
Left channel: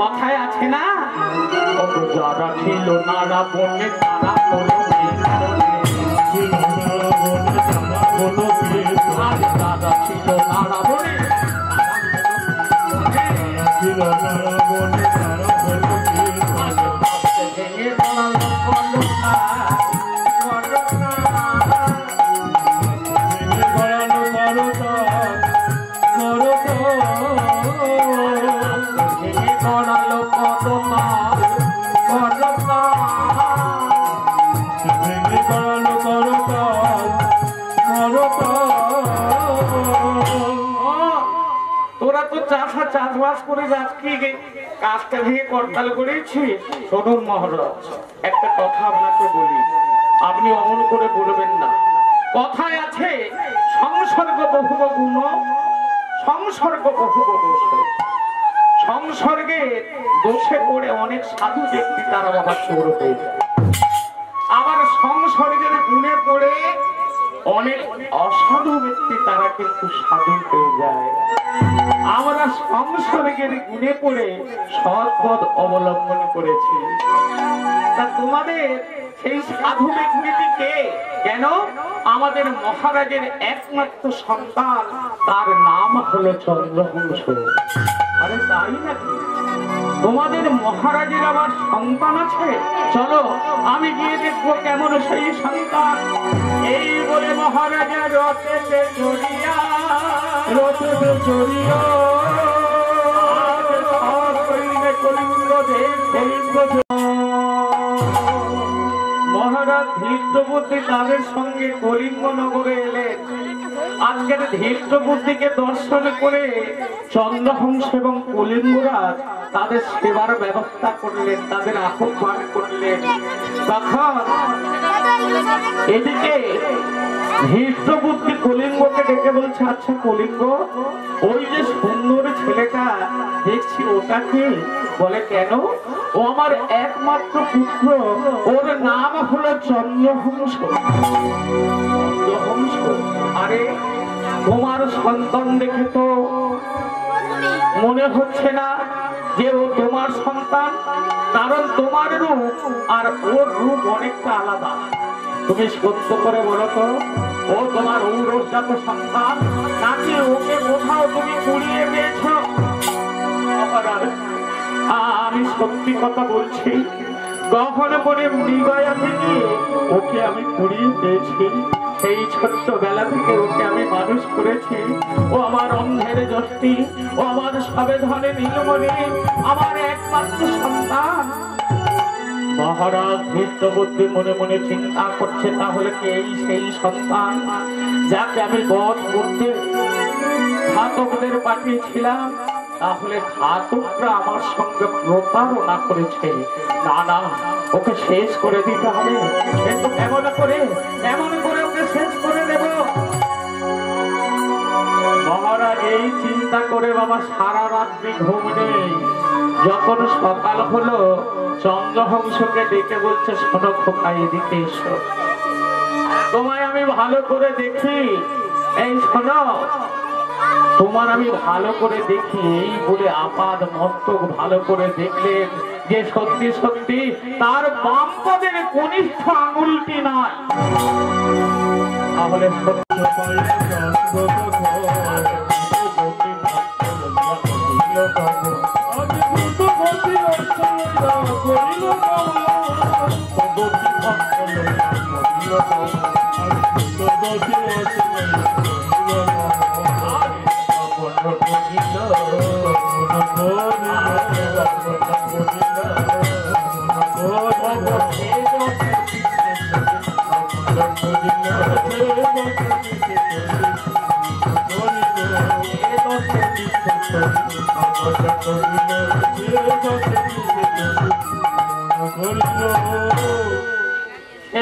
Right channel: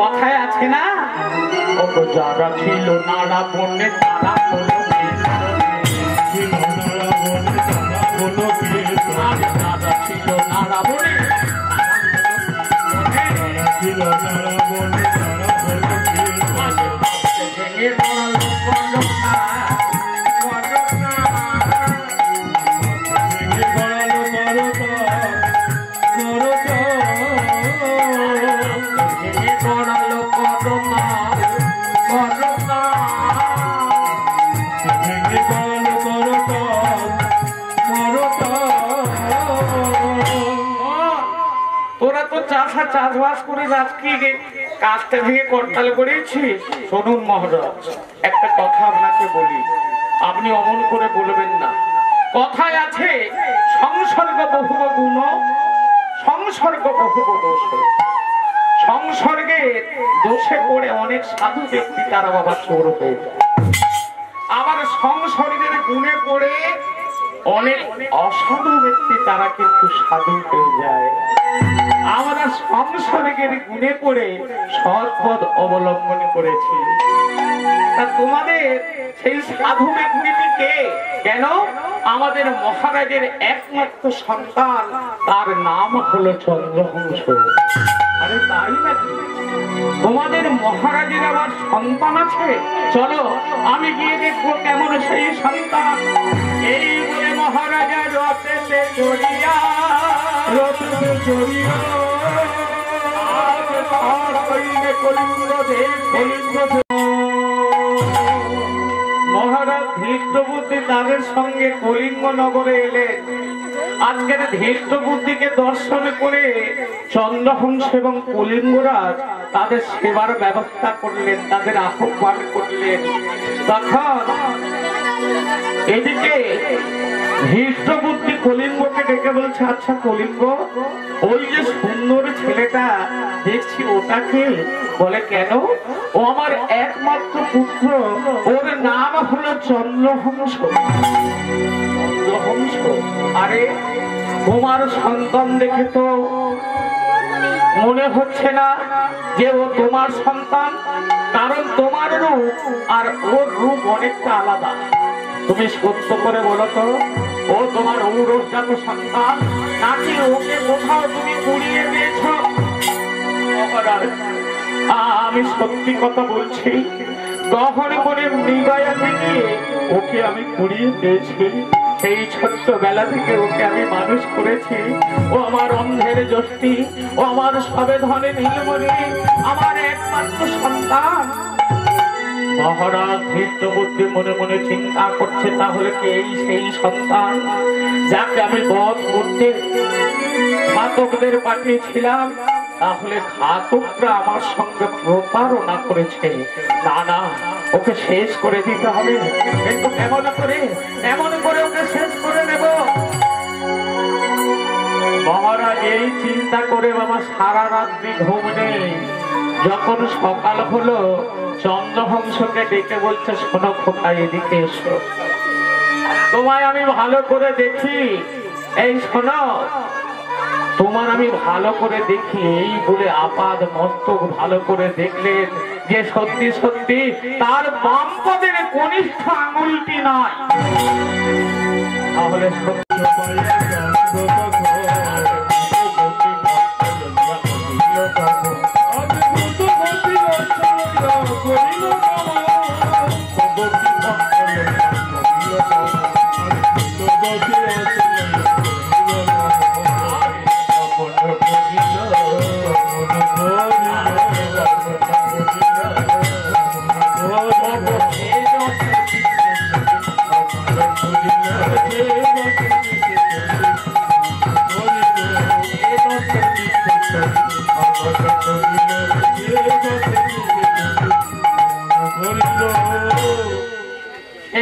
কথায় আছে না, যারা ছিল নানা বন্যে তারা কোনো ছিল নানা বনে চাষবাস করে আজকে কাজটা ভেঙে করতাল করেছি। শুনুন মহারাজ, একটা কথা আপনাকে বলি, আপনি অমন করে বলবেন না। কথায় আছে সংসর্গ বহুব গুণ, সংসর্গ বহুব দোষ। সংসর্গে দোষে পড়ে অনেক সাধু ব্যক্তি তারা বাবা চোর হয়ে যায়, আবার সংসর্গের গুণে পড়ে অনেক অসাধু ব্যক্তি তারা কিন্তু সাধু হয়ে যায়। আমরা সংসর্গের গুণে পড়ে সৎ পথ অবলম্বন করেছি। তা তোমাদের সেই সাধু ব্যক্তিটি কে? কেন? আমাদের মহারাজের একমাত্র সন্তান, তার নাম হলো চন্দ্রবংশ। আরে তাই নাকি? তোমাদের মহারাজের আবার সন্তান আছে? চলো আমি গিয়ে দেখবো কেমন সেই সন্তান। এই বলে মহারাজা রথেতে চড়িয়া মহারাজ ধৃষ্টবুদ্ধি তাদের সঙ্গে কলিঙ্গ নগরে এলেন। আজকের ধৃষ্টবুদ্ধিকে দর্শন করে চন্দ্রবংশ এবং কলিঙ্গরাজ তাদের সেবার ব্যবস্থা করলেন, তাদের আহ্বান করলেন। তখন এদিকে ধৃষ্টবুদ্ধি কলিঙ্গকে ডেকে বলছে, আচ্ছা কলিঙ্গ, ওই যে সুন্দর ছেলেটা দেখছি ওটাকে? বলে কেন? ও আমার একমাত্র পুত্র, ওর নাম হলো চন্দ্রহংস। চন্দ্রহংস? আরে তোমার সন্তান দেখে তো মনে হচ্ছে না যে ও তোমার সন্তান, কারণ তোমার রূপ আর ওর রূপ অনেকটা আলাদা। তুমি সত্য করে বলো তো, ও তোমার ঔরজাত সন্তান নাকি ওকে কোথাও তুমি কুড়িয়ে দিয়েছ? আমি সত্যি কথা বলছি, গহনে পরে মৃগয়াতে গিয়ে ওকে আমি কুড়িয়ে দিয়েছি। সেই ছোট্টবেলা থেকে ওকে আমি মানুষ করেছি। ও আমার অন্ধের যষ্টি, ও আমার সবেধনে নীলমণি, আমার একমাত্র সন্তান। মহারাজ ধৃষ্টবুদ্ধি মনে মনে চিন্তা করছে, তাহলে কি এই সেই সন্তান যাকে আমি বধ করতে ঘাতকদের পাঠিয়েছিলাম? তাহলে ঘাতকরা আমার সঙ্গে প্রতারণা করেছে। না না, ওকে শেষ করে দিতে হবে। কিন্তু কেমন করে ওকে শেষ করে দেব? মহারাজ এই চিন্তা করে বাবা সারা রাত্রি ঘুম নেই। যখন সকাল হলো, চন্দ্রহংসকে ডেকে বলছে, শোনো খোকা, এদিকে এসো, তোমায় আমি ভালো করে দেখি। এই শোনো, তোমার আমি ভালো করে দেখি। এই বলে আপাদ মস্তক ভালো করে দেখলেন যে সত্যি সত্যি তার বাম পদের কনিষ্ঠ আঙুলটি নয়। তাহলে সত্য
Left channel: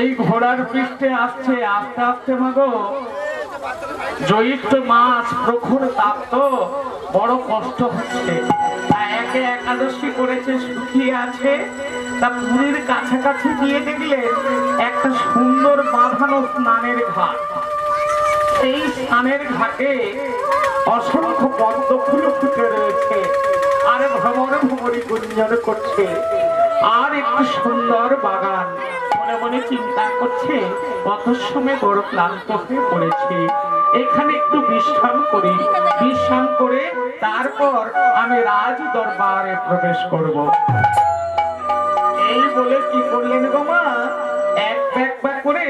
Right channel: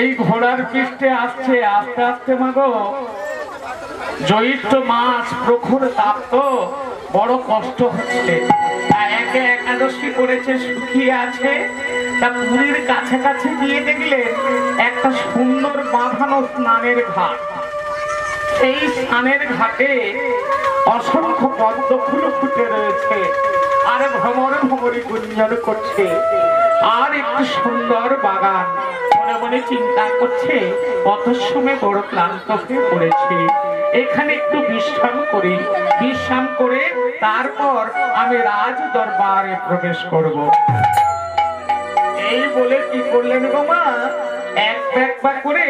এই ঘোড়ার পৃষ্ঠে আসছে আস্তে আস্তে। মাগো, জ্যৈষ্ঠ মাস, প্রখর তাপ, তো বড় কষ্ট হচ্ছে। একে একাদশী করেছে, শুকিয়ে আছে। তা পুরীর কাছাকাছি গিয়ে দেখলে একটা সুন্দর বাঁধানো স্নানের ঘাট। এই স্নানের ঘাটে অসংখ্য পদ্ম ফুল ফুটে রয়েছে, আর ভ্রমর ভ্রমরি গুঞ্জন করছে, আর একটু সুন্দর বাগান। মনে মনে চিন্তা করছে, কত সময় বড় ক্লান্ত হয়ে পড়েছি, এখানে একটু বিশ্রাম করি। বিশ্রাম করে তারপর আমি রাজ দরবারে প্রবেশ করব। এই বলে কি করলেন গো মা, এক করে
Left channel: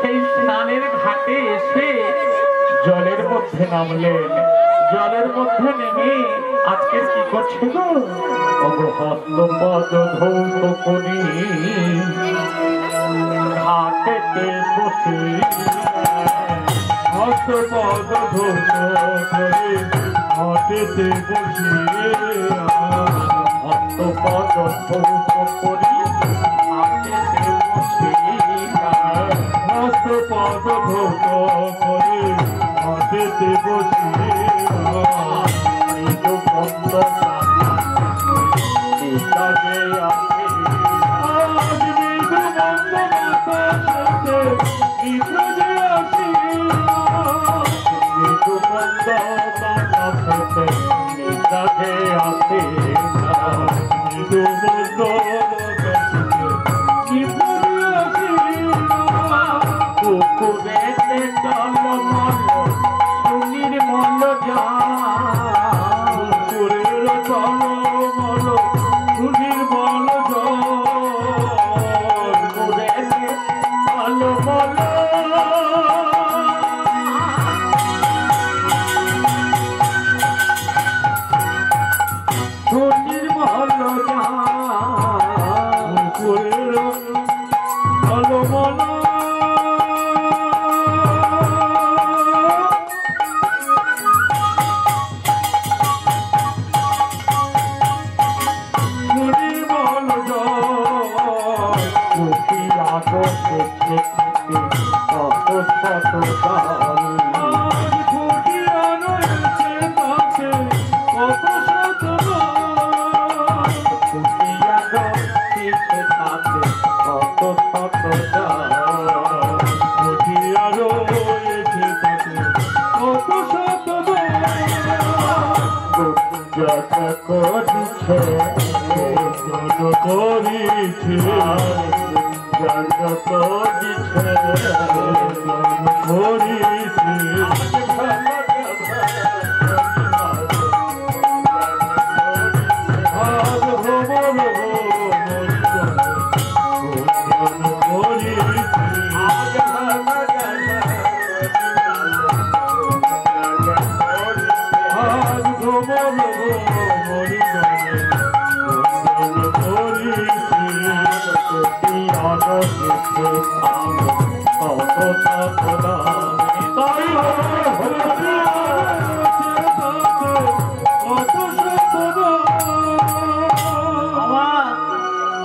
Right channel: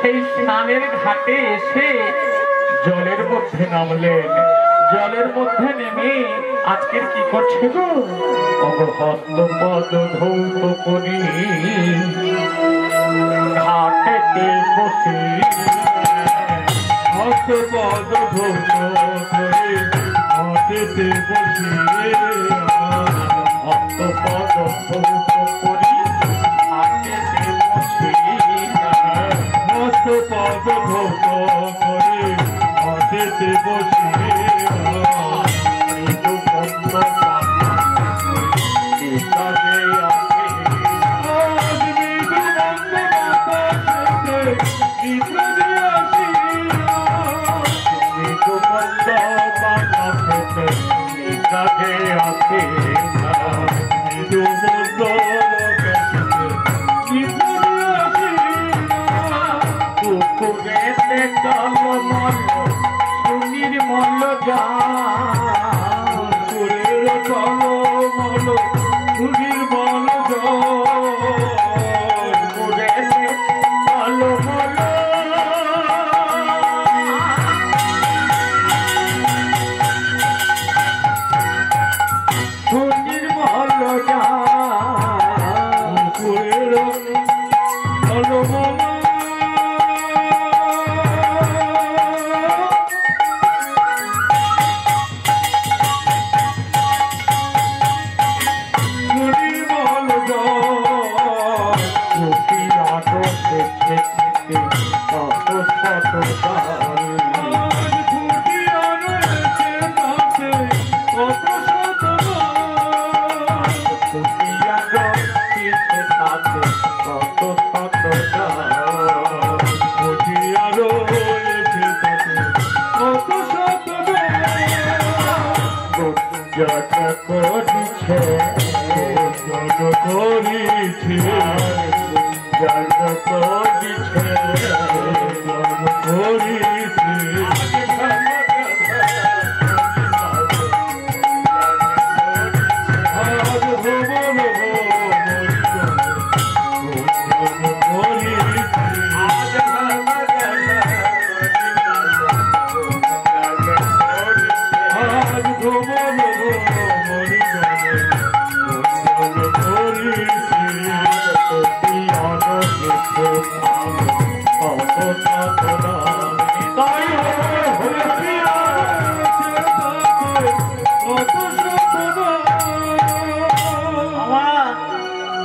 সেই স্নানের ঘাটে এসে জলের মধ্যে নামলেন। জলের মধ্যে নেমে আজকে কি করছে গো, হস্তপদ ধৌত করি ঘাটেতে বসে, হস্তপদ ধৌত করে ঘাটেতে বসে, হস্তপদ ধৌত করি ঘাটেতে বসে, হস্তপদ ধৌত করে ঘাটেতে বসে, যাত্রা করিছে করিছে যাত্রা করিছে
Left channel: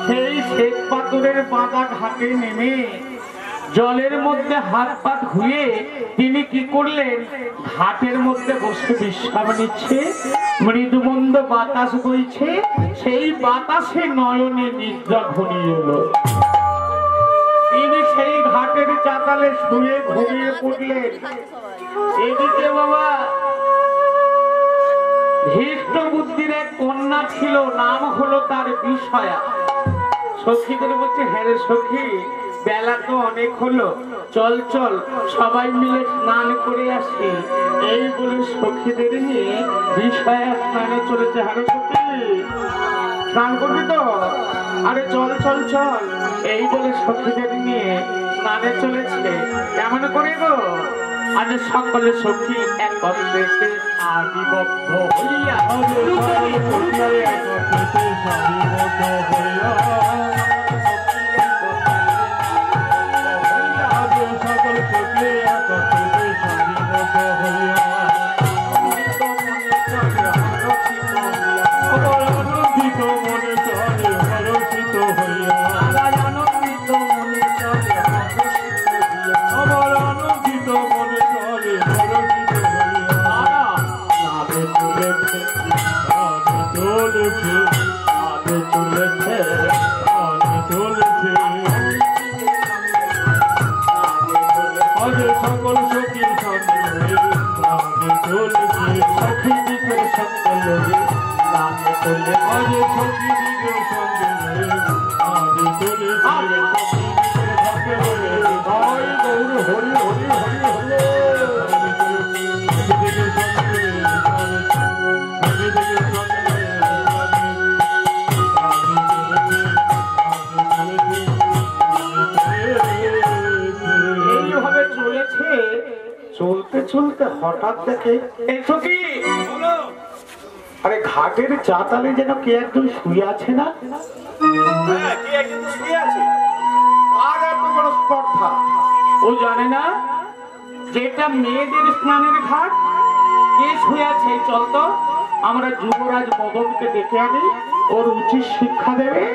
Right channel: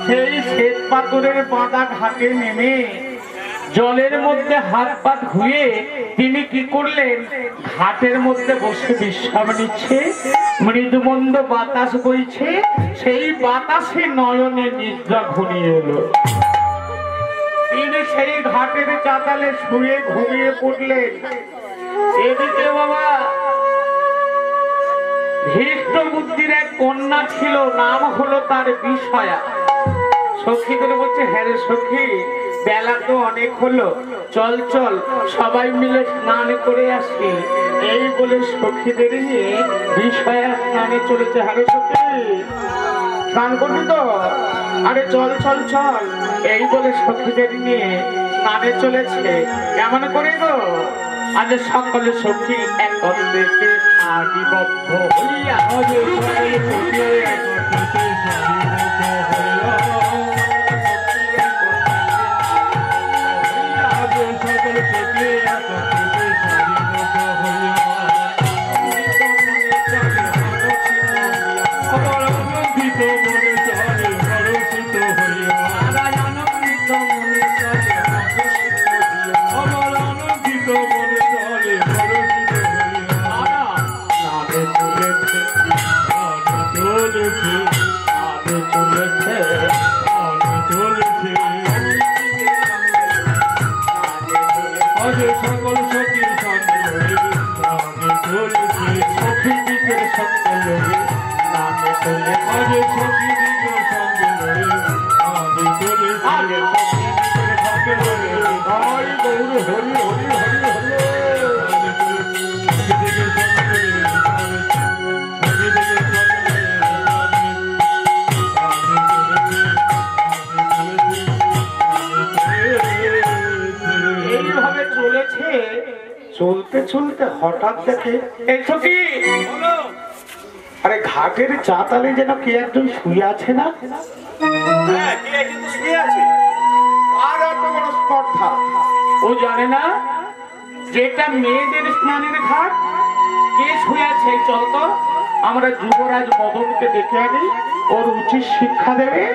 সেই শ্বেত পাথরের বাঁধা ঘাটে নেমে জলের মধ্যে হাত পা ধুয়ে তিনি কি করলেন, ঘাটের মধ্যে বসে বিশ্রাম নিচ্ছে। মৃদুমন্দ বাতাস বইছে, সেই বাতাসে নয়নে নিদ্রা ঘনিয়ে এলো। তিনি সেই ঘাটের চাতালে শুয়ে ঘুমিয়ে পড়লেন। এদিকে বাবা ধৃষ্ট বুদ্ধির এক কন্যা ছিল, নাম হলো তার বিষয়া। সখীদের বলছে, হ্যাঁ রে সখী, বেলা তো অনেক হলো, চল চল সবাই মিলে স্নান করে আসি। এই বলে সখীদের নিয়ে বিষয়া স্নানে চলেছে। হ্যাঁ রে সখী, স্নান করবি তো? আরে চল চল চল, এই বলে সখীদের নিয়ে স্নানে চলেছে। কেমন করে গো? আজ সকলে সখী একত্রে আদিবদ্ধ হইয়া চলতে চলতে হঠাৎ দেখে, এই সখী, আরে ঘাটের চাতালে যেন কে একজন শুয়ে আছে না? আর এত বড় স্পর্ধা, ও জানে না যেটা মেয়েদের স্নানের ঘাট? কে শুয়ে আছে? চল তো আমরা যুবরাজ মদনকে দেখে আনি, ওর উচিত শিক্ষা দেবে।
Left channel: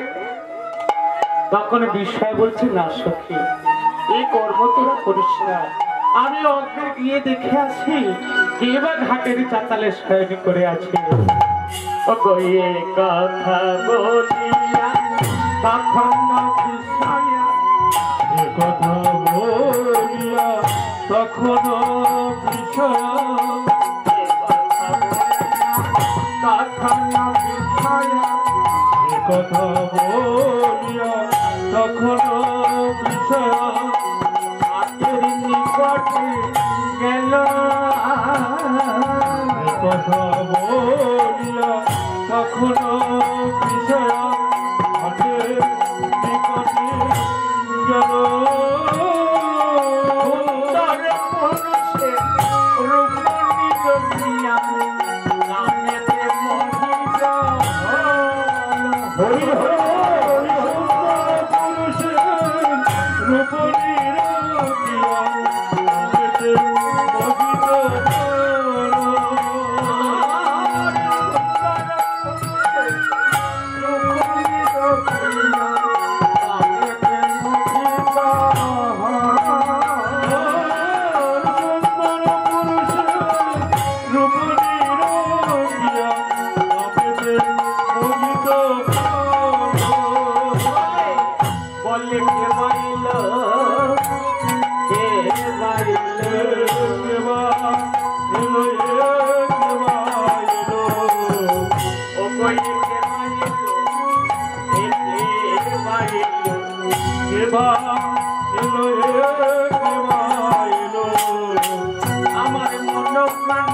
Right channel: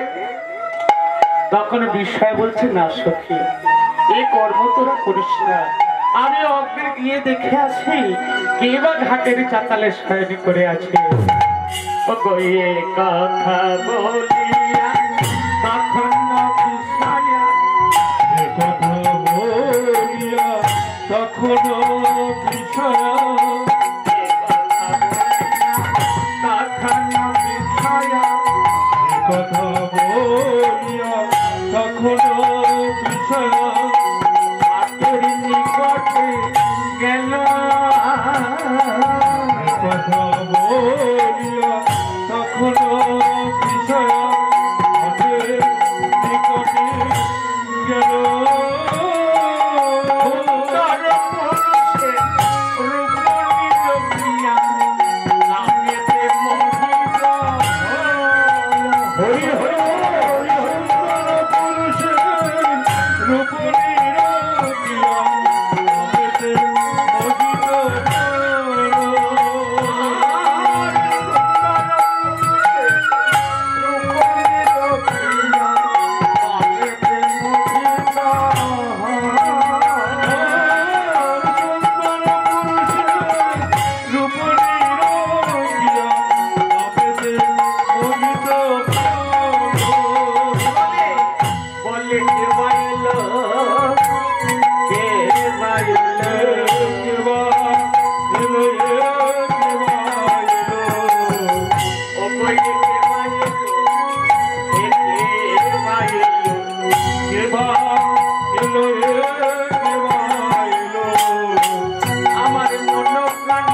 তখন বিষয় বলছে, না সখী, এই কর্ম তোরা করিস না, আমি অগ্রে গিয়ে দেখে আসি কে বা ঘাটের চাতালে শয়ন করে আছে। ও গিয়ে কথা বলিয়া তখন বিষয়া, কথা বলিয়া তখন বিষয়া, তখন বিষয়া, কথা বলিয়া তখন বিষয়া গেল, কথা বলিয়া তখন বিষয় হাতের নিকটে গেল। ওই যে কেবা এলো আমার মন প্রাণ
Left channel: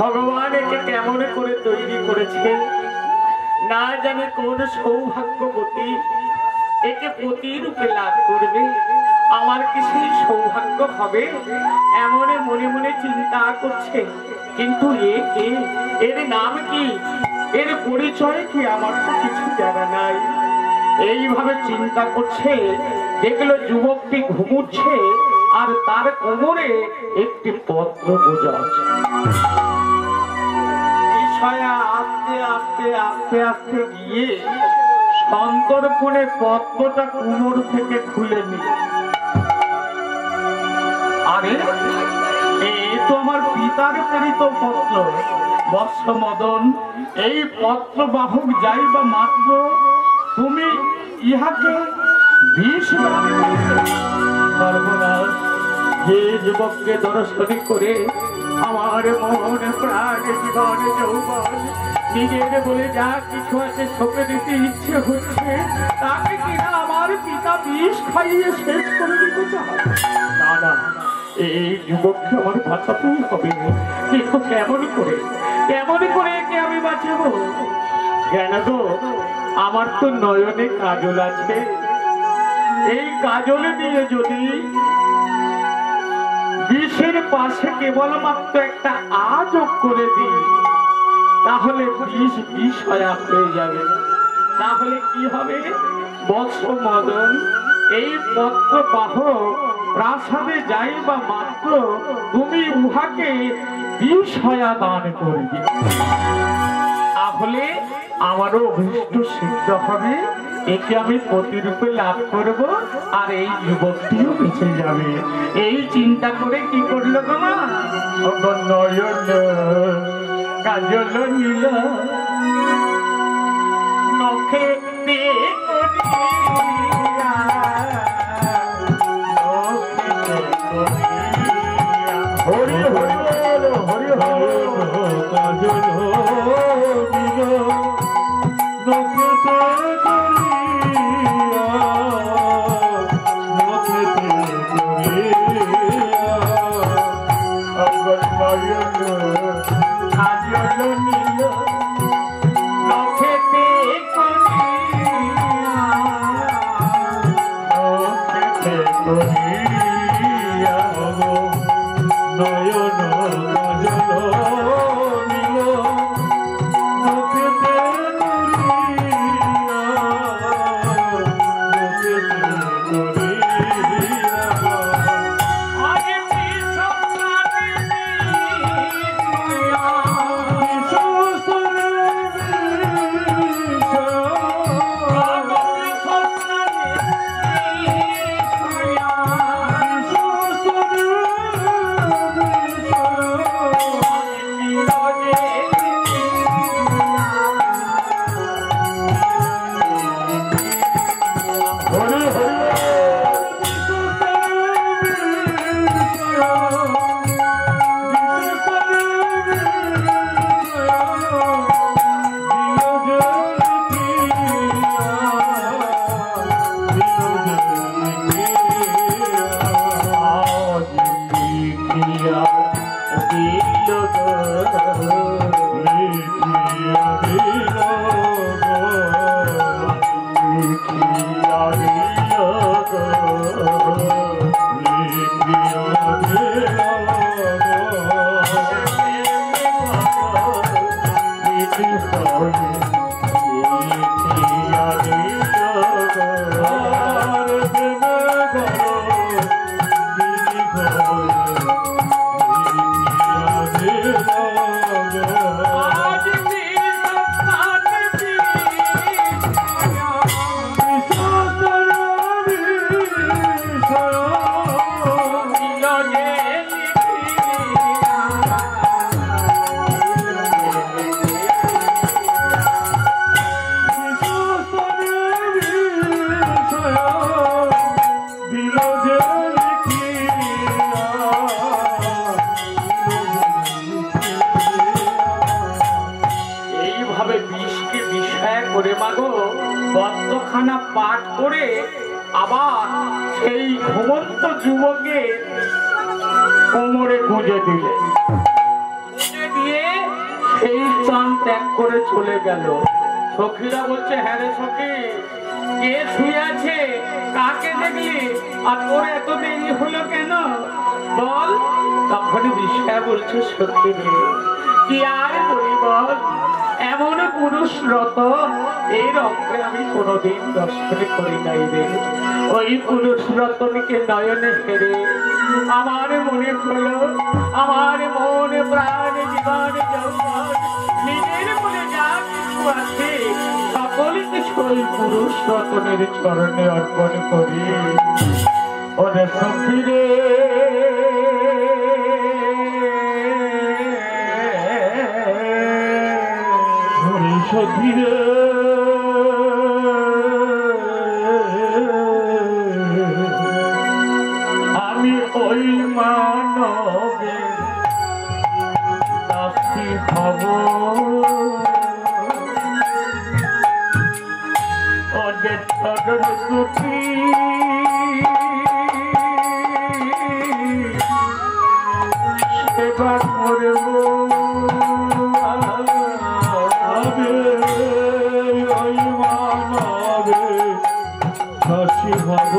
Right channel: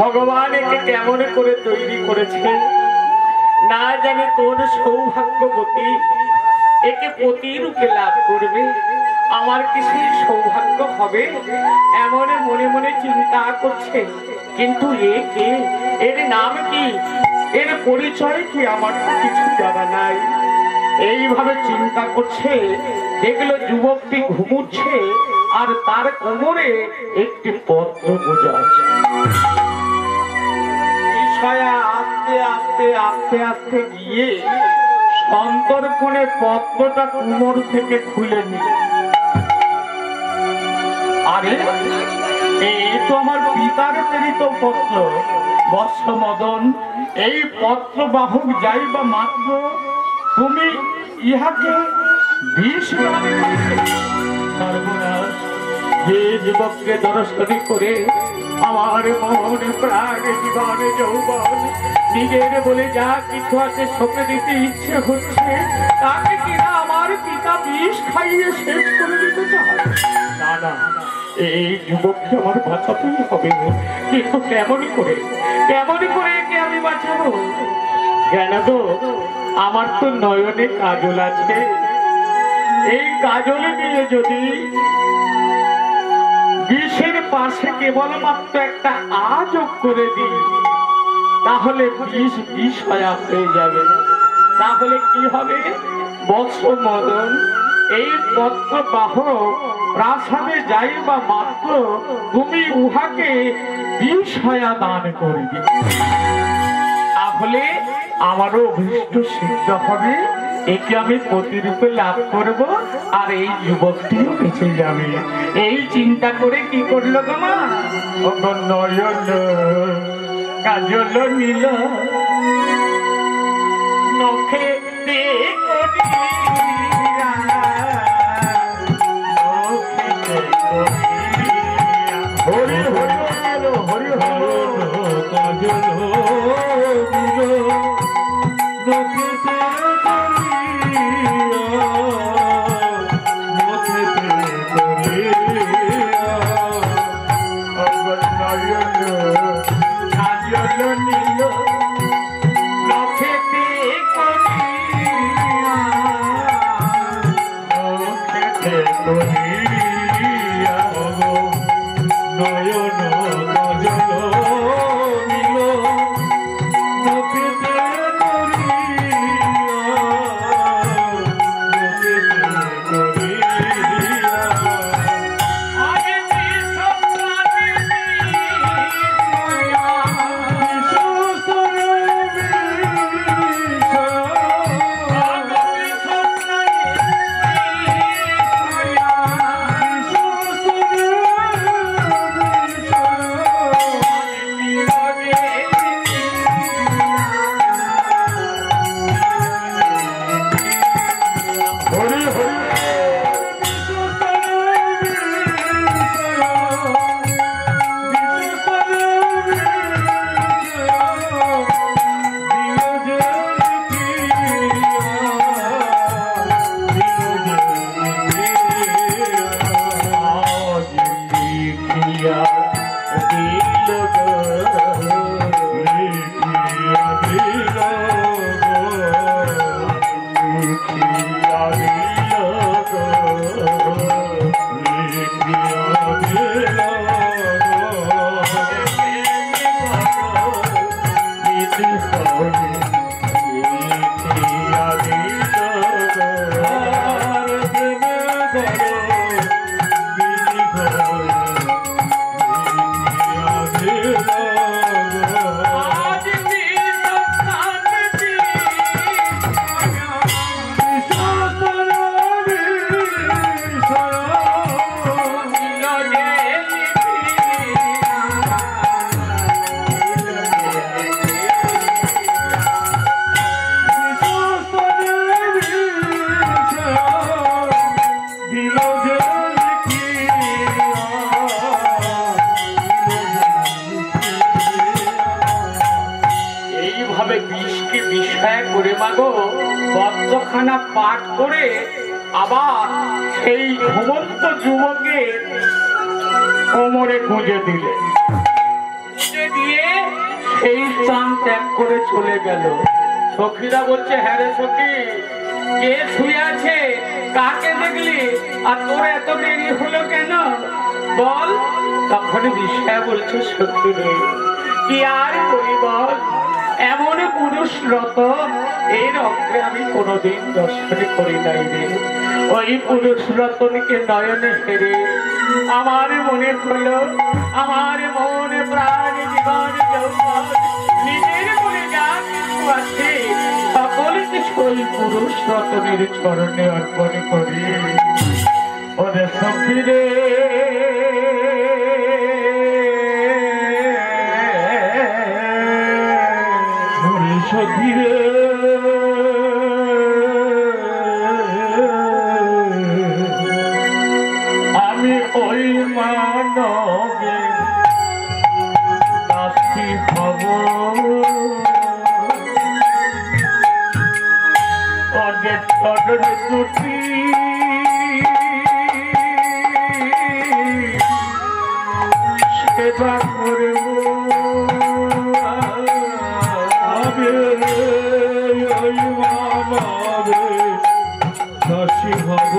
ভগবান একে কেমন করে তৈরি করেছেন, না জানে কোন সৌভাগ্যবতী একে পতিরূপে লাভ করবে। আমার কি সেই সৌভাগ্য হবে? এমন মনে মনে চিন্তা করছে। কিন্তু এ কে? এর নাম কি? এর পরিচয় কি? আমার তো কিছু জানা নাই। এইভাবে চিন্তা করছে, দেখলো যুবকটি ঘুমুচ্ছে আর তার কোমরে একটি পত্র গোজা আছে। আস্তে আস্তে আস্তে আস্তে গিয়ে সন্তর্পণে পত্রটা কোমর থেকে খুলে নিল। আরে এই তো আমার পিতার প্রেরিত পত্র। বৎস মদন, এই পত্র বাহক যাইবা মাত্র তুমি ইহাকে বিষ দান করিলে। সর্বনাশ! যে যুবককে দর্শন করে আমার মন প্রাণ জীবন যৌবন নিজের বলে যা কিছু আছে সঁপে দিতে ইচ্ছে হচ্ছে, তাকে কিনা আমার পিতা বিষ খাইয়ে শেষ করে দিতে চায়। না না, এই যুবককে আমার বাঁচাতেই হবে। কিন্তু কেমন করে একে আমি বাঁচাবো? কেন তো আমার তো নয়নে কাজল আছে। এই কাজলে দিয়ে যদি বিষের পাশে কেবলমাত্র একটা আ যোগ করে দিই, তাহলে বিষ বিষয়া হয়ে যাবে। তাহলে কি হবে? বৎস মদন, এই পত্র বাহক প্রাসাদে যাইবা মাত্র তুমি উহাকে বিষয়া দান করবে। তাহলে আমারও অভিষ্ট সিদ্ধ হবে। একে আমি প্রতিরূপে লাভ করব আর এই যুবকটিও বেঁচে যাবে। এই চিন্তা করে কি করলো গো মা? নয়ন কাজল নীল নখে হরি হরি হরি হরি কাজল নীল নখে নয়ন মাগো বদ্ধখানা পাঠ করে আবার সেই ঘুমন্ত যুবকে কোমরে গুঁজে দিলে, গুঁজে দিয়ে সেই স্থান ত্যাগ করে চলে গেল। সখীরা বলছে, হ্যাঁ রে সখী, কে শুয়ে আছে, কাকে দেখলি, আর তোর এত দেরি হলো কেন বল? তখন বিষয় বলছে, সখী রে কি আর করি বল, এমন পুরুষ রতন এই রক্তে আমি কোনোদিন দর্শন করি নাই রে। ওই পুরুষ রতনকে নয়নে হেরে আমার মনে হলো, আমার মনে প্রাণ জীবন যৌবন নিজের মনে যা কিছু আছে সকল কিছু ওই পুরুষ রতনের চরণে অর্পণ করি। ওরে সখী রে সখী রে আমি ওই মানবে দাসী হব, ওদের চরণ দুটি সেবা করব, ওই মানবে দাসী হব।